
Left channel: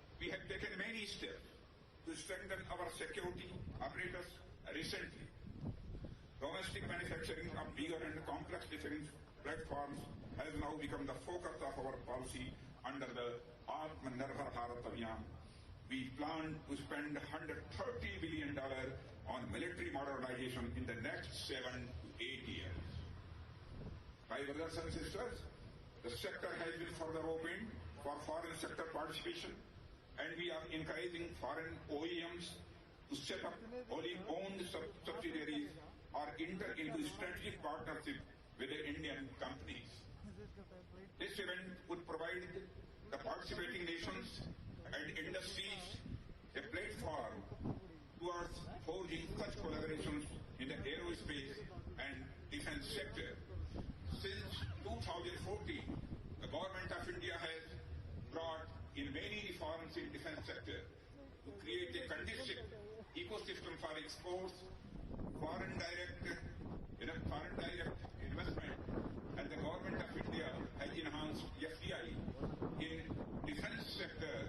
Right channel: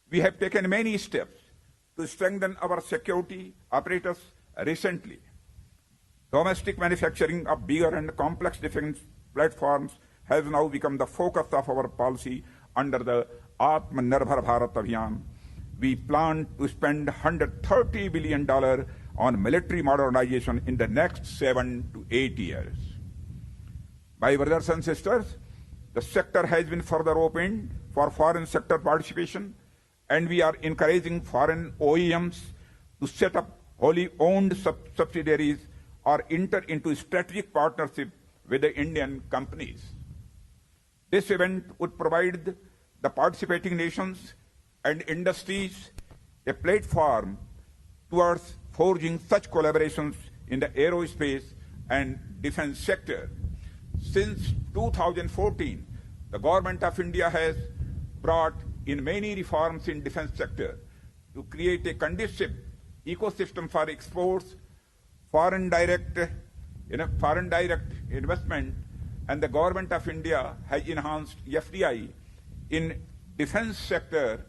We have taken many steps to strengthen our security apparatus recently. Domestic manufacturing of bigger and complex defense platforms has now become the focus of our policy under the Atmanirbhar Bharat Abhiyan. We plan to spend $130 billion on military modernization in the next 7 to 8 years. My brothers and sisters, the sector has been further opened for foreign sector participation, and we are encouraging foreign OEMs to set up wholly owned subsidiaries or enter into strategic partnership with the Indian companies. This event would provide the participating nations and industries a platform towards forging such collaborations in the aerospace and defense sector. Since 2014, the Government of India has brought in many reforms in defense sector to create a conducive ecosystem for exports, foreign direct investment, and the Government of India has enhanced FDI in defense sector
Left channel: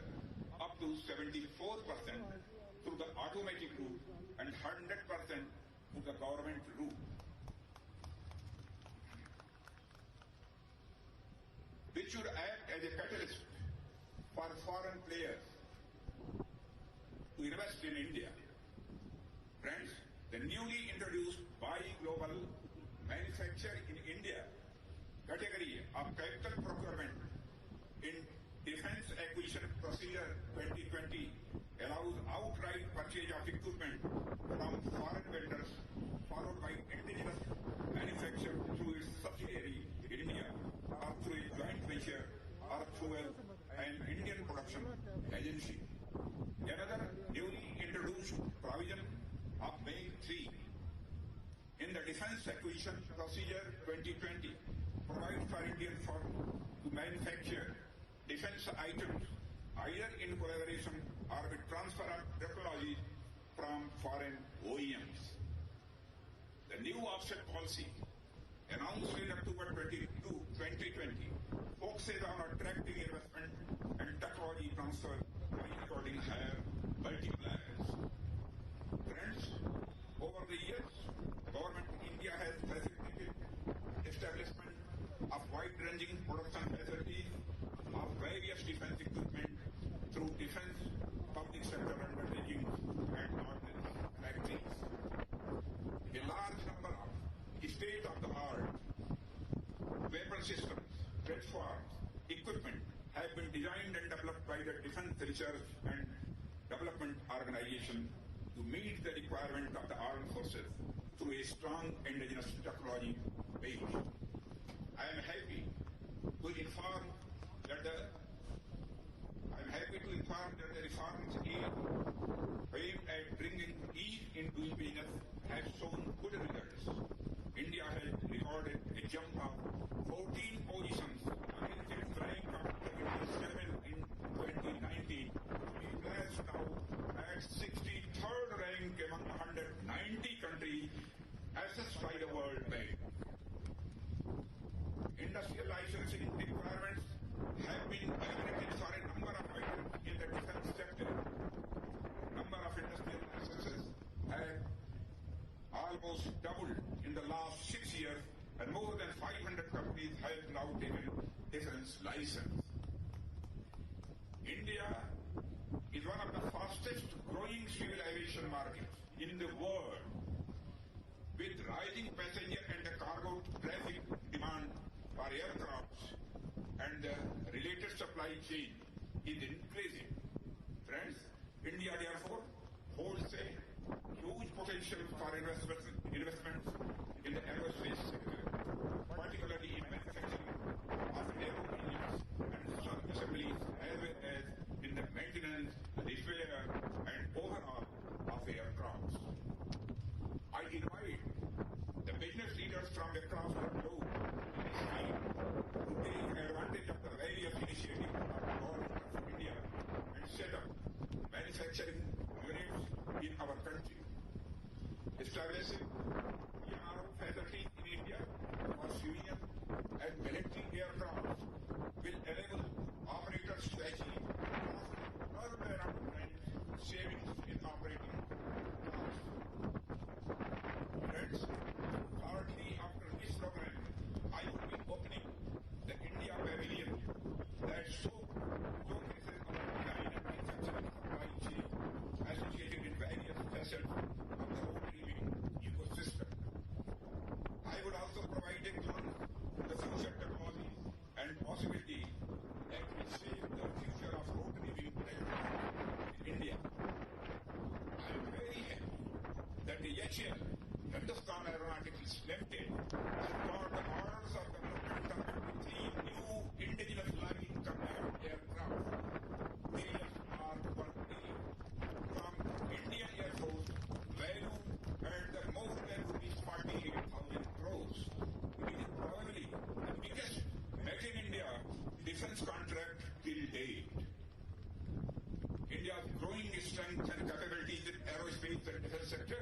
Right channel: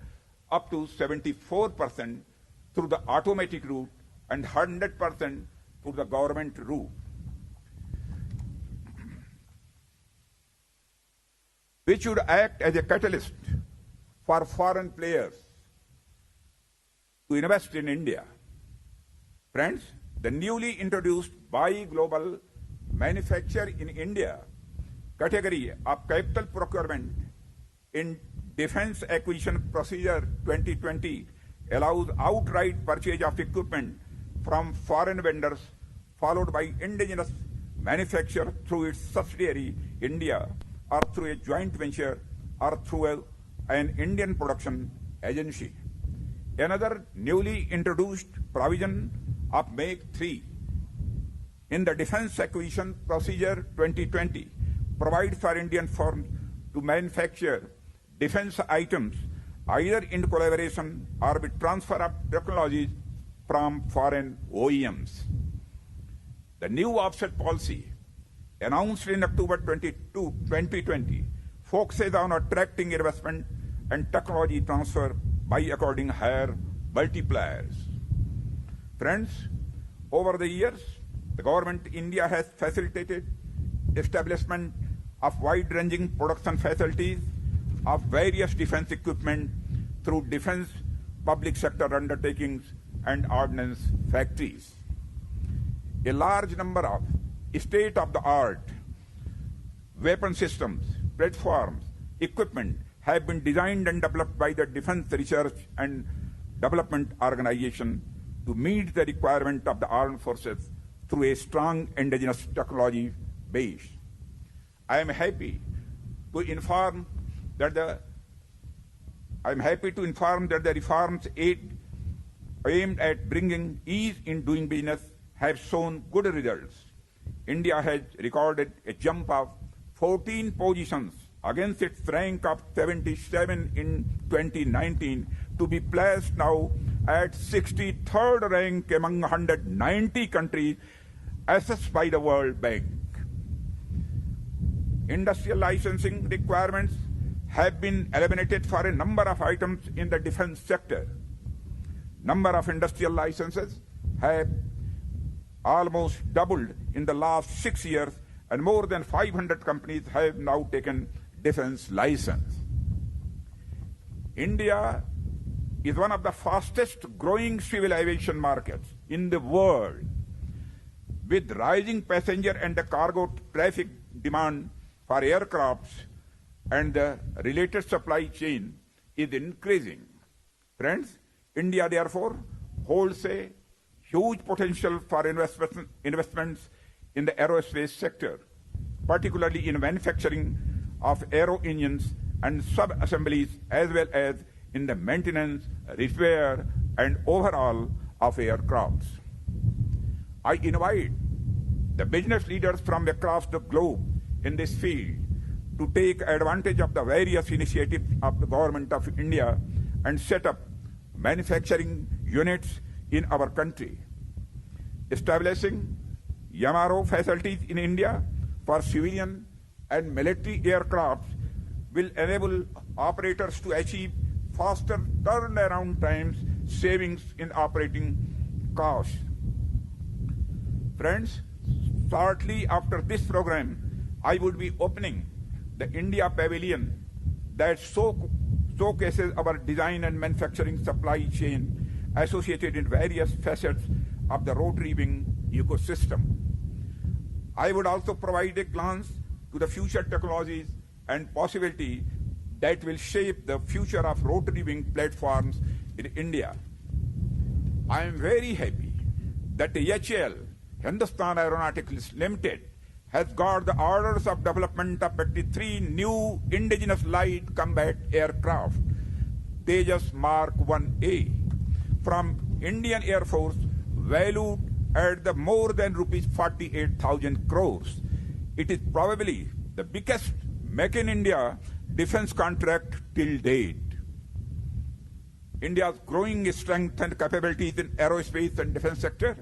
up to 74% through the automatic route and 100% through the government route. Which should act as a catalyst for foreign players to invest in India. Friends, the newly introduced Buy Global Manufacture in India category of capital procurement in Defense Acquisition Procedure 2020 allows outright purchase of equipment from foreign vendors, followed by indigenous manufacture through its subsidiary India, or through a joint venture, or through an Indian production agency. Another newly introduced provision of Make 3 in the Defence Acquisition Procedure 2020 provides for Indian firms to manufacture defence items either in collaboration or with transfer of technologies from foreign OEMs. The new offset policy announced in October 2020 focuses on attracting investment and technology transfer by according higher multipliers. Friends, over the years, the government of India has facilitated establishment of wide-ranging production facilities of various defense equipment through defense public sector undertakings and ordnance factories. A large number of state-of-the-art weapon systems, platforms, equipment have been designed and developed by the Defense Research and Development Organization to meet the requirement of the armed forces through a strong indigenous technology base. I am happy to inform that the reforms aimed at bringing ease in doing business have shown good results. India has recorded a jump of 14 positions against its rank of 77 in 2019 to be placed now at 63rd rank among 190 countries assessed by the World Bank. Industrial licensing requirements have been eliminated for a number of items in the defense sector. Number of industrial licenses have almost doubled in the last 6 years, and more than 500 companies have now taken defense license. India is one of the fastest growing civil aviation markets in the world, with rising passenger and cargo traffic demand for aircrafts, and the related supply chain is increasing. Friends, India therefore holds a huge potential for investments in the aerospace sector, particularly in manufacturing of aero engines and sub-assemblies, as well as in the maintenance, repair, and overhaul of aircrafts. I invite the business leaders from across the globe in this field to take advantage of the various initiatives of the Government of India and set up manufacturing units in our country. Establishing MRO facilities in India for civilian and military aircraft will enable operators to achieve faster turnaround times, savings in operating costs. Friends, shortly after this program, I will be opening the India Pavilion that showcases our design and manufacturing supply chain associated in various facets of the rotary wing ecosystem. I would also provide a glance to the future technologies and possibilities that will shape the future of rotary wing platforms in India. I am very happy that the HAL, Hindustan Aeronautics Limited, has got the orders of development of 83 new indigenous light combat aircraft, Tejas Mark 1A, from Indian Air Force, valued at the more than rupees 48,000 crores. It is probably the biggest Make in India defense contract till date. India's growing strength and capabilities in aerospace and defense sector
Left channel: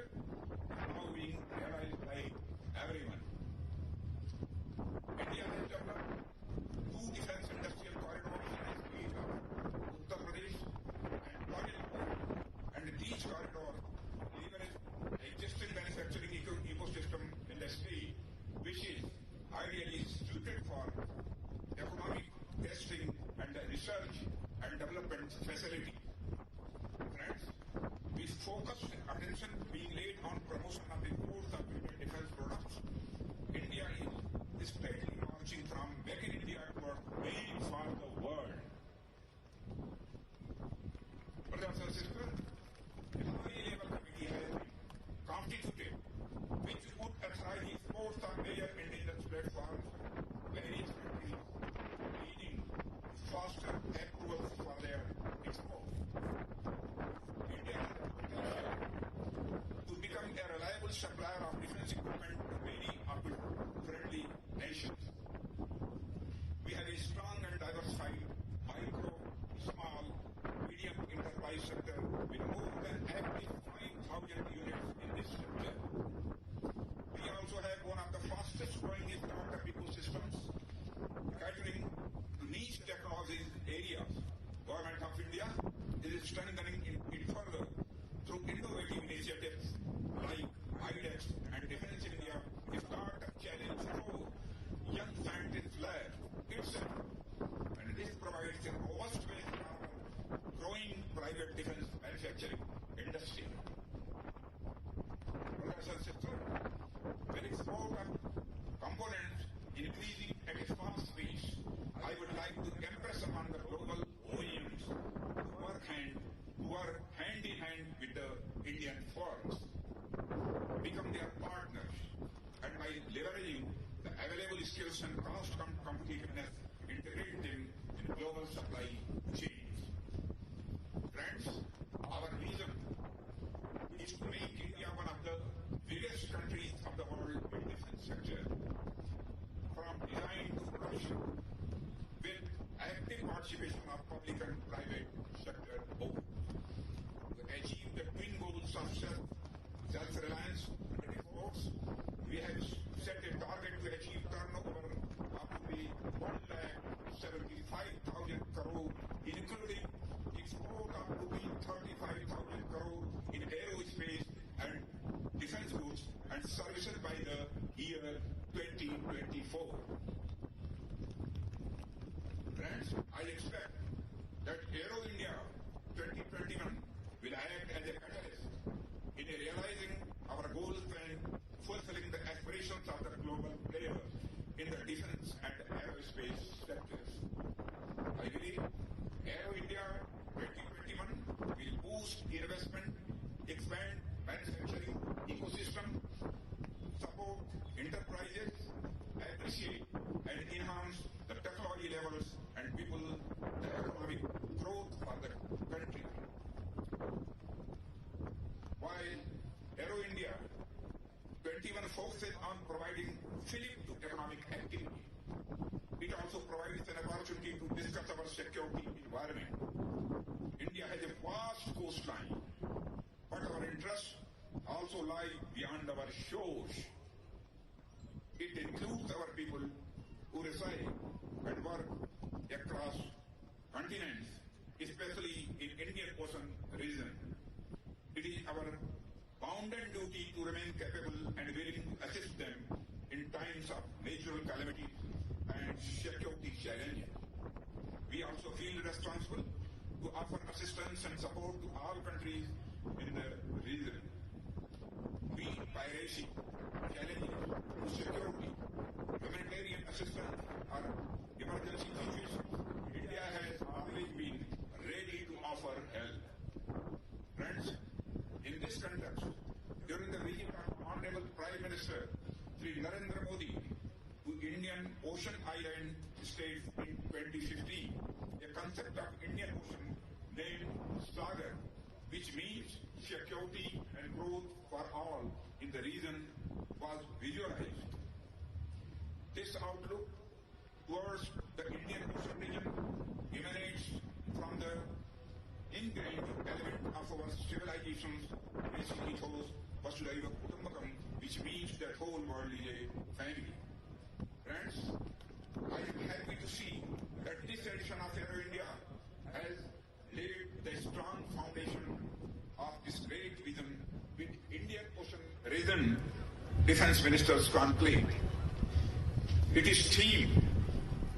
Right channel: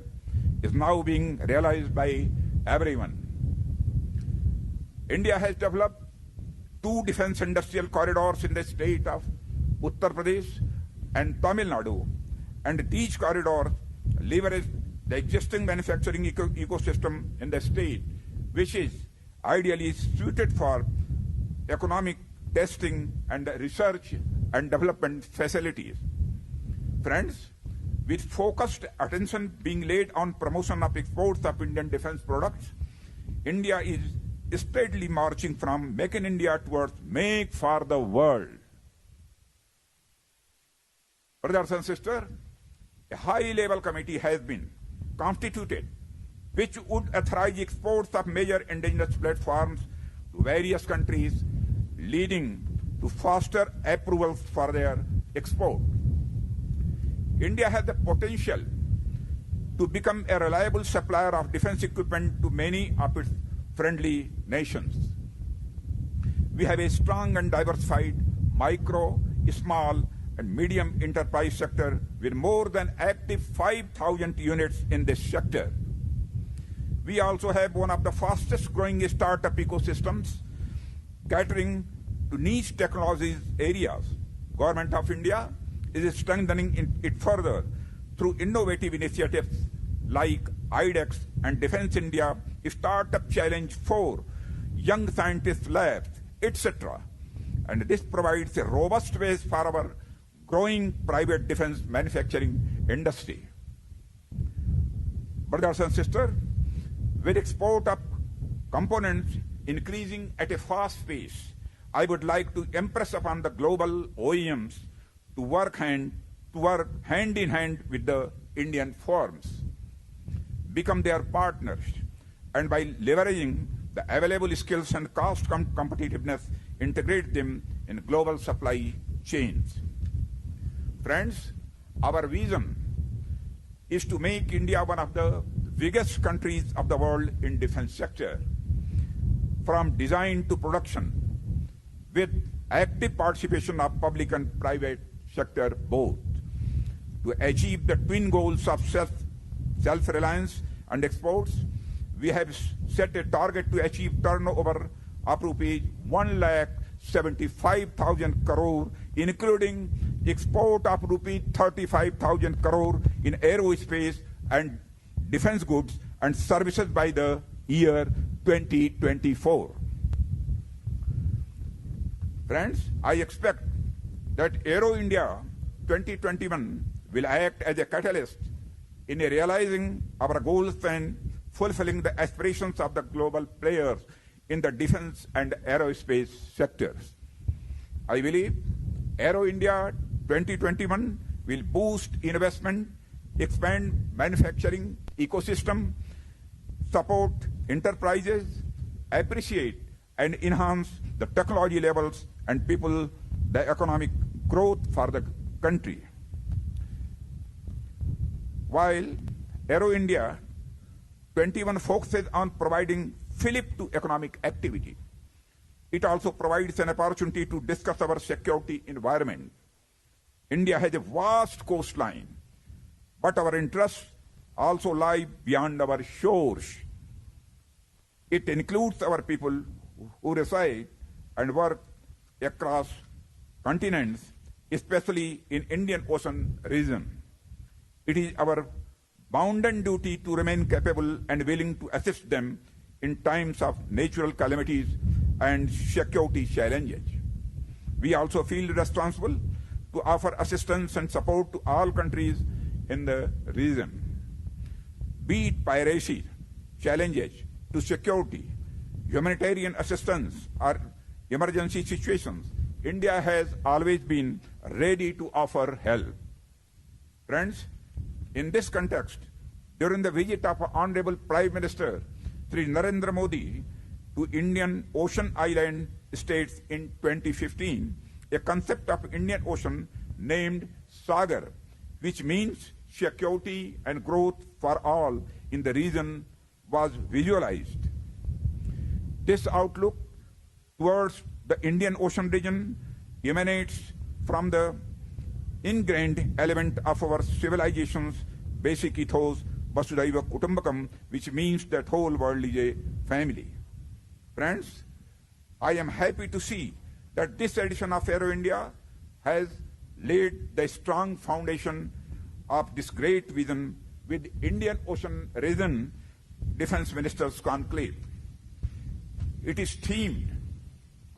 is now being realized by everyone. India has developed 2 defense industrial corridors in the state of Uttar Pradesh and Tamil Nadu, and these corridors leverage the existing manufacturing ecosystem in the state, which is ideally suited for economic testing and research and development facilities. Friends, with focused attention being laid on promotion of exports of Indian defense products, India is steadily marching from Make in India towards Make for the World. Brothers and sisters, a high-level committee has been constituted which would authorize exports of major indigenous platforms to various countries, leading to faster approvals for their export. India has the potential to become a reliable supplier of defense equipment to many of its friendly nations. We have a strong and diversified micro, small, and medium enterprise sector with more than active 5,000 units in this sector. We also have one of the fastest growing startup ecosystems catering to niche technologies areas. Government of India is strengthening it further through innovative initiatives like IDEX and Defense India, Startup Challenge 4, Young Scientist Labs, etc. And this provides a robust base for our growing private defense manufacturing industry. Brothers and sisters, with export of components increasing at a fast pace, I would like to impress upon the global OEMs to work hand in hand with the Indian firms, become their partners, and by leveraging the available skills and cost competitiveness, integrate them in global supply chains. Friends, our vision is to make India one of the biggest countries of the world in defense sector, from design to production, with active participation of public and private sector both, to achieve the twin goals of self-reliance and exports. We have set a target to achieve turnover of rupees 1,75,000 crore, including export of rupees 35,000 crore in aerospace and defense goods and services by the year 2024. Friends, I expect that Aero India 2021 will act as a catalyst in realizing our goals and fulfilling the aspirations of the global players in the defense and aerospace sectors. I believe Aero India 2021 will boost investment, expand manufacturing ecosystem, support enterprises, appreciate and enhance the technology levels and people, the economic growth for the country. While Aero India 21 focuses on providing fillip to economic activity, it also provides an opportunity to discuss our security environment. India has a vast coastline, but our interests also lie beyond our shores. It includes our people who reside and work across continents, especially in Indian Ocean region. It is our bounden duty to remain capable and willing to assist them in times of natural calamities and security challenges. We also feel responsible to offer assistance and support to all countries in the region. Be it piracy, challenges to security, humanitarian assistance, or emergency situations, India has always been ready to offer help. Friends, in this context, during the visit of Honorable Prime Minister Sri Narendra Modi to Indian Ocean Island states in 2015, a concept of Indian Ocean named Sagar, which means security and growth for all in the region, was visualized. This outlook towards the Indian Ocean region emanates from the ingrained element of our civilization's basic ethos, Vasudhaiva Kutumbakam, which means that whole world is a family. Friends, I am happy to see that this edition of Aero India has laid the strong foundation of this great vision with Indian Ocean region Defense Ministers Conclave. It is themed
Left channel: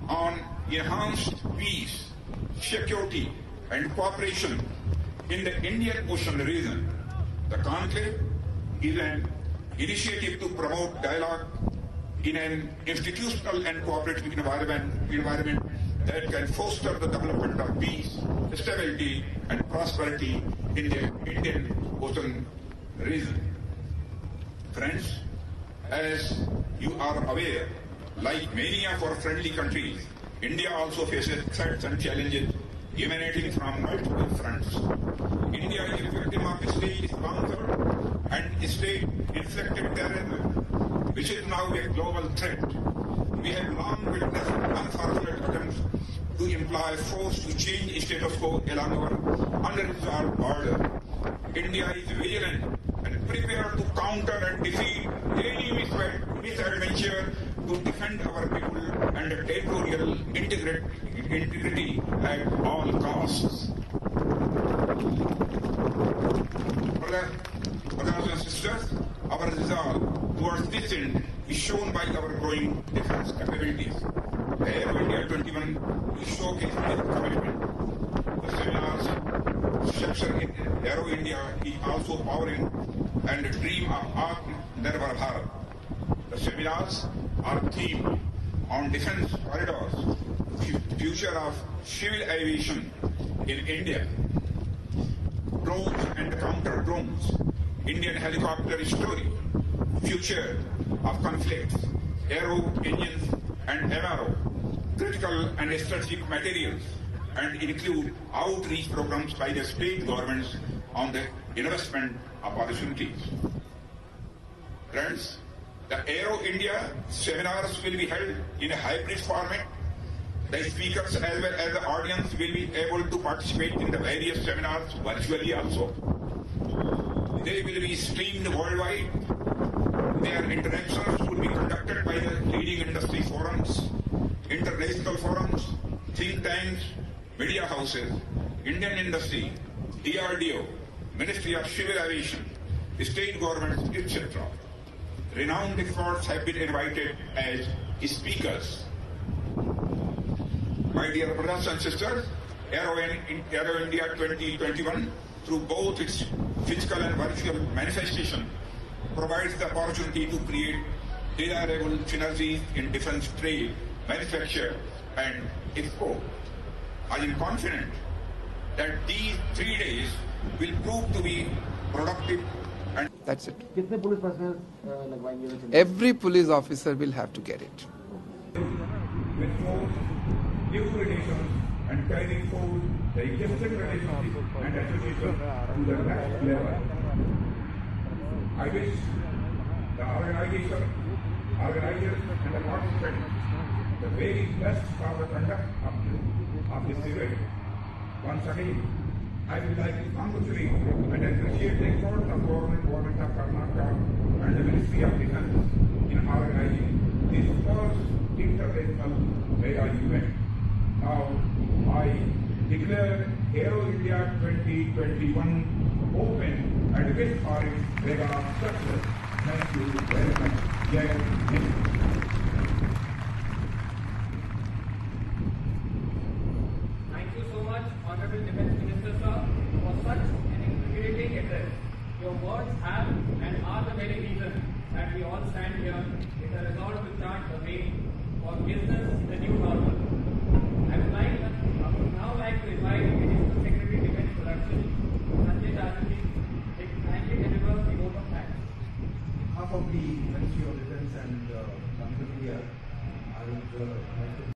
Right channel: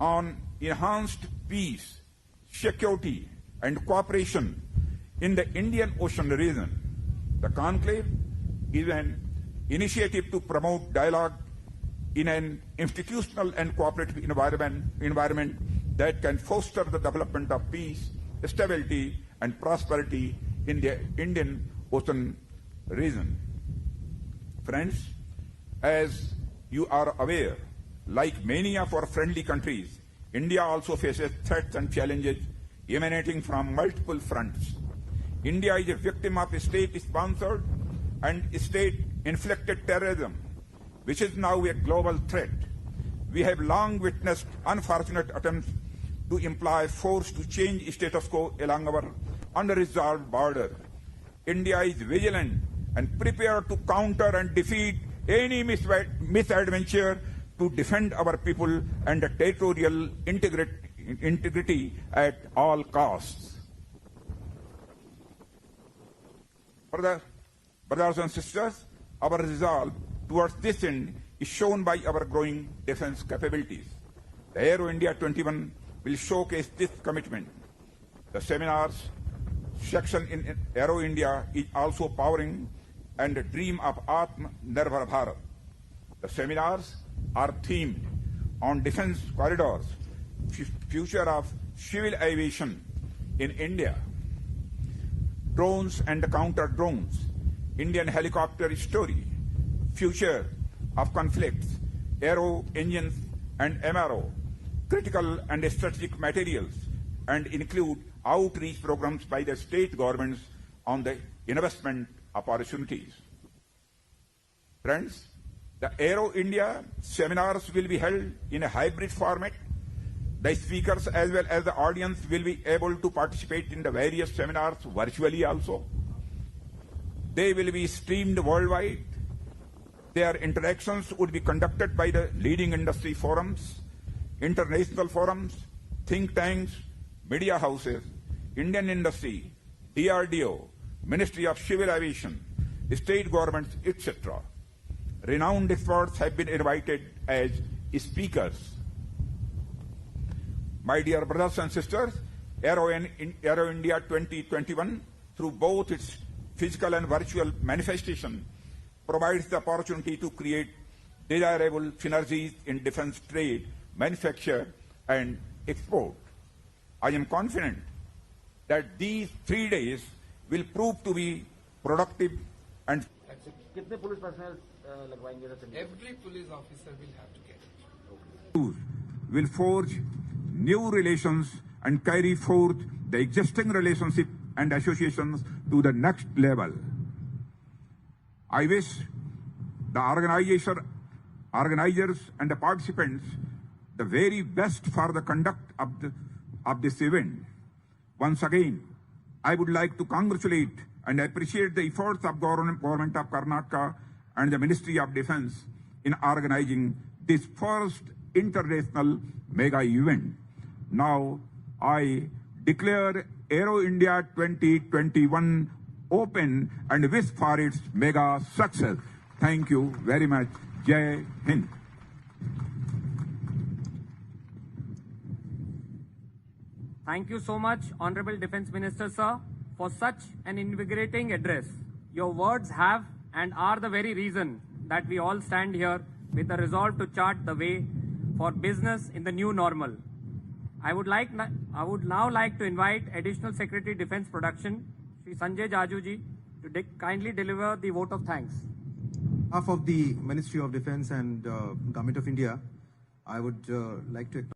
on enhanced peace, security, and cooperation in the Indian Ocean region. The conclave is an initiative to promote dialogue in an institutional and cooperative environment that can foster the development of peace, stability, and prosperity in the Indian Ocean region. Friends, as you are aware, like many of our friendly countries, India also faces threats and challenges emanating from multiple fronts. India is a victim of state-sponsored and state-inflicted terrorism, which is now a global threat. We have long witnessed unfortunate attempts to employ force to change status quo along our unresolved border. India is vigilant and prepared to counter and defeat any misadventure to defend our people and territorial integrity at all costs. Brothers and sisters, our resolve towards this end is shown by our growing defense capabilities. The Aero India 21 will showcase this commitment. The seminars section in Aero India is also powering and the dream of Atmanirbhar Bharat. The seminars are themed on defense corridors, future of civil aviation in India, drones and counter drones, Indian helicopter story, future of conflicts, aero engines and MRO, critical and strategic materials, and include outreach programs by the state governments on the investment opportunities. Friends, the Aero India seminars will be held in a hybrid format. The speakers as well as the audience will be able to participate in the various seminars virtually also. They will be streamed worldwide. Their interactions could be conducted by the leading industry forums, international forums, think tanks, media houses, Indian industry, DRDO, Ministry of Civil Aviation, state government, etc. Renowned experts have been invited as speakers. My dear brothers and sisters, Aero India 2021, through both its physical and virtual manifestation, provides the opportunity to create desirable synergies in defense trade, manufacture, and export. I am confident that these 3 days will prove to be productive and that's it. Every police officer will have to get it. will forge new relations and carry forth the existing relationship and associations to the next level. I wish the organizers and the participants the very best for the conduct of this event. Once again, I would like to congratulate and appreciate the efforts of Government of Karnataka and the Ministry of Defence in organizing this first international mega event. Now, I declare Aero India 2021 open and wish for its mega success. Thank you very much. Jai Hind. Thank you so much, Honorable Defence Minister, sir, for such an invigorating address. Your words have and are the very reason that we all stand here with a resolve to chart the way for business in the new normal. I would now like to invite Additional Secretary Defence Production, Sanjay Jajuji, to kindly deliver the vote of thanks. On behalf of the Ministry of Defence and Government of India, I would like to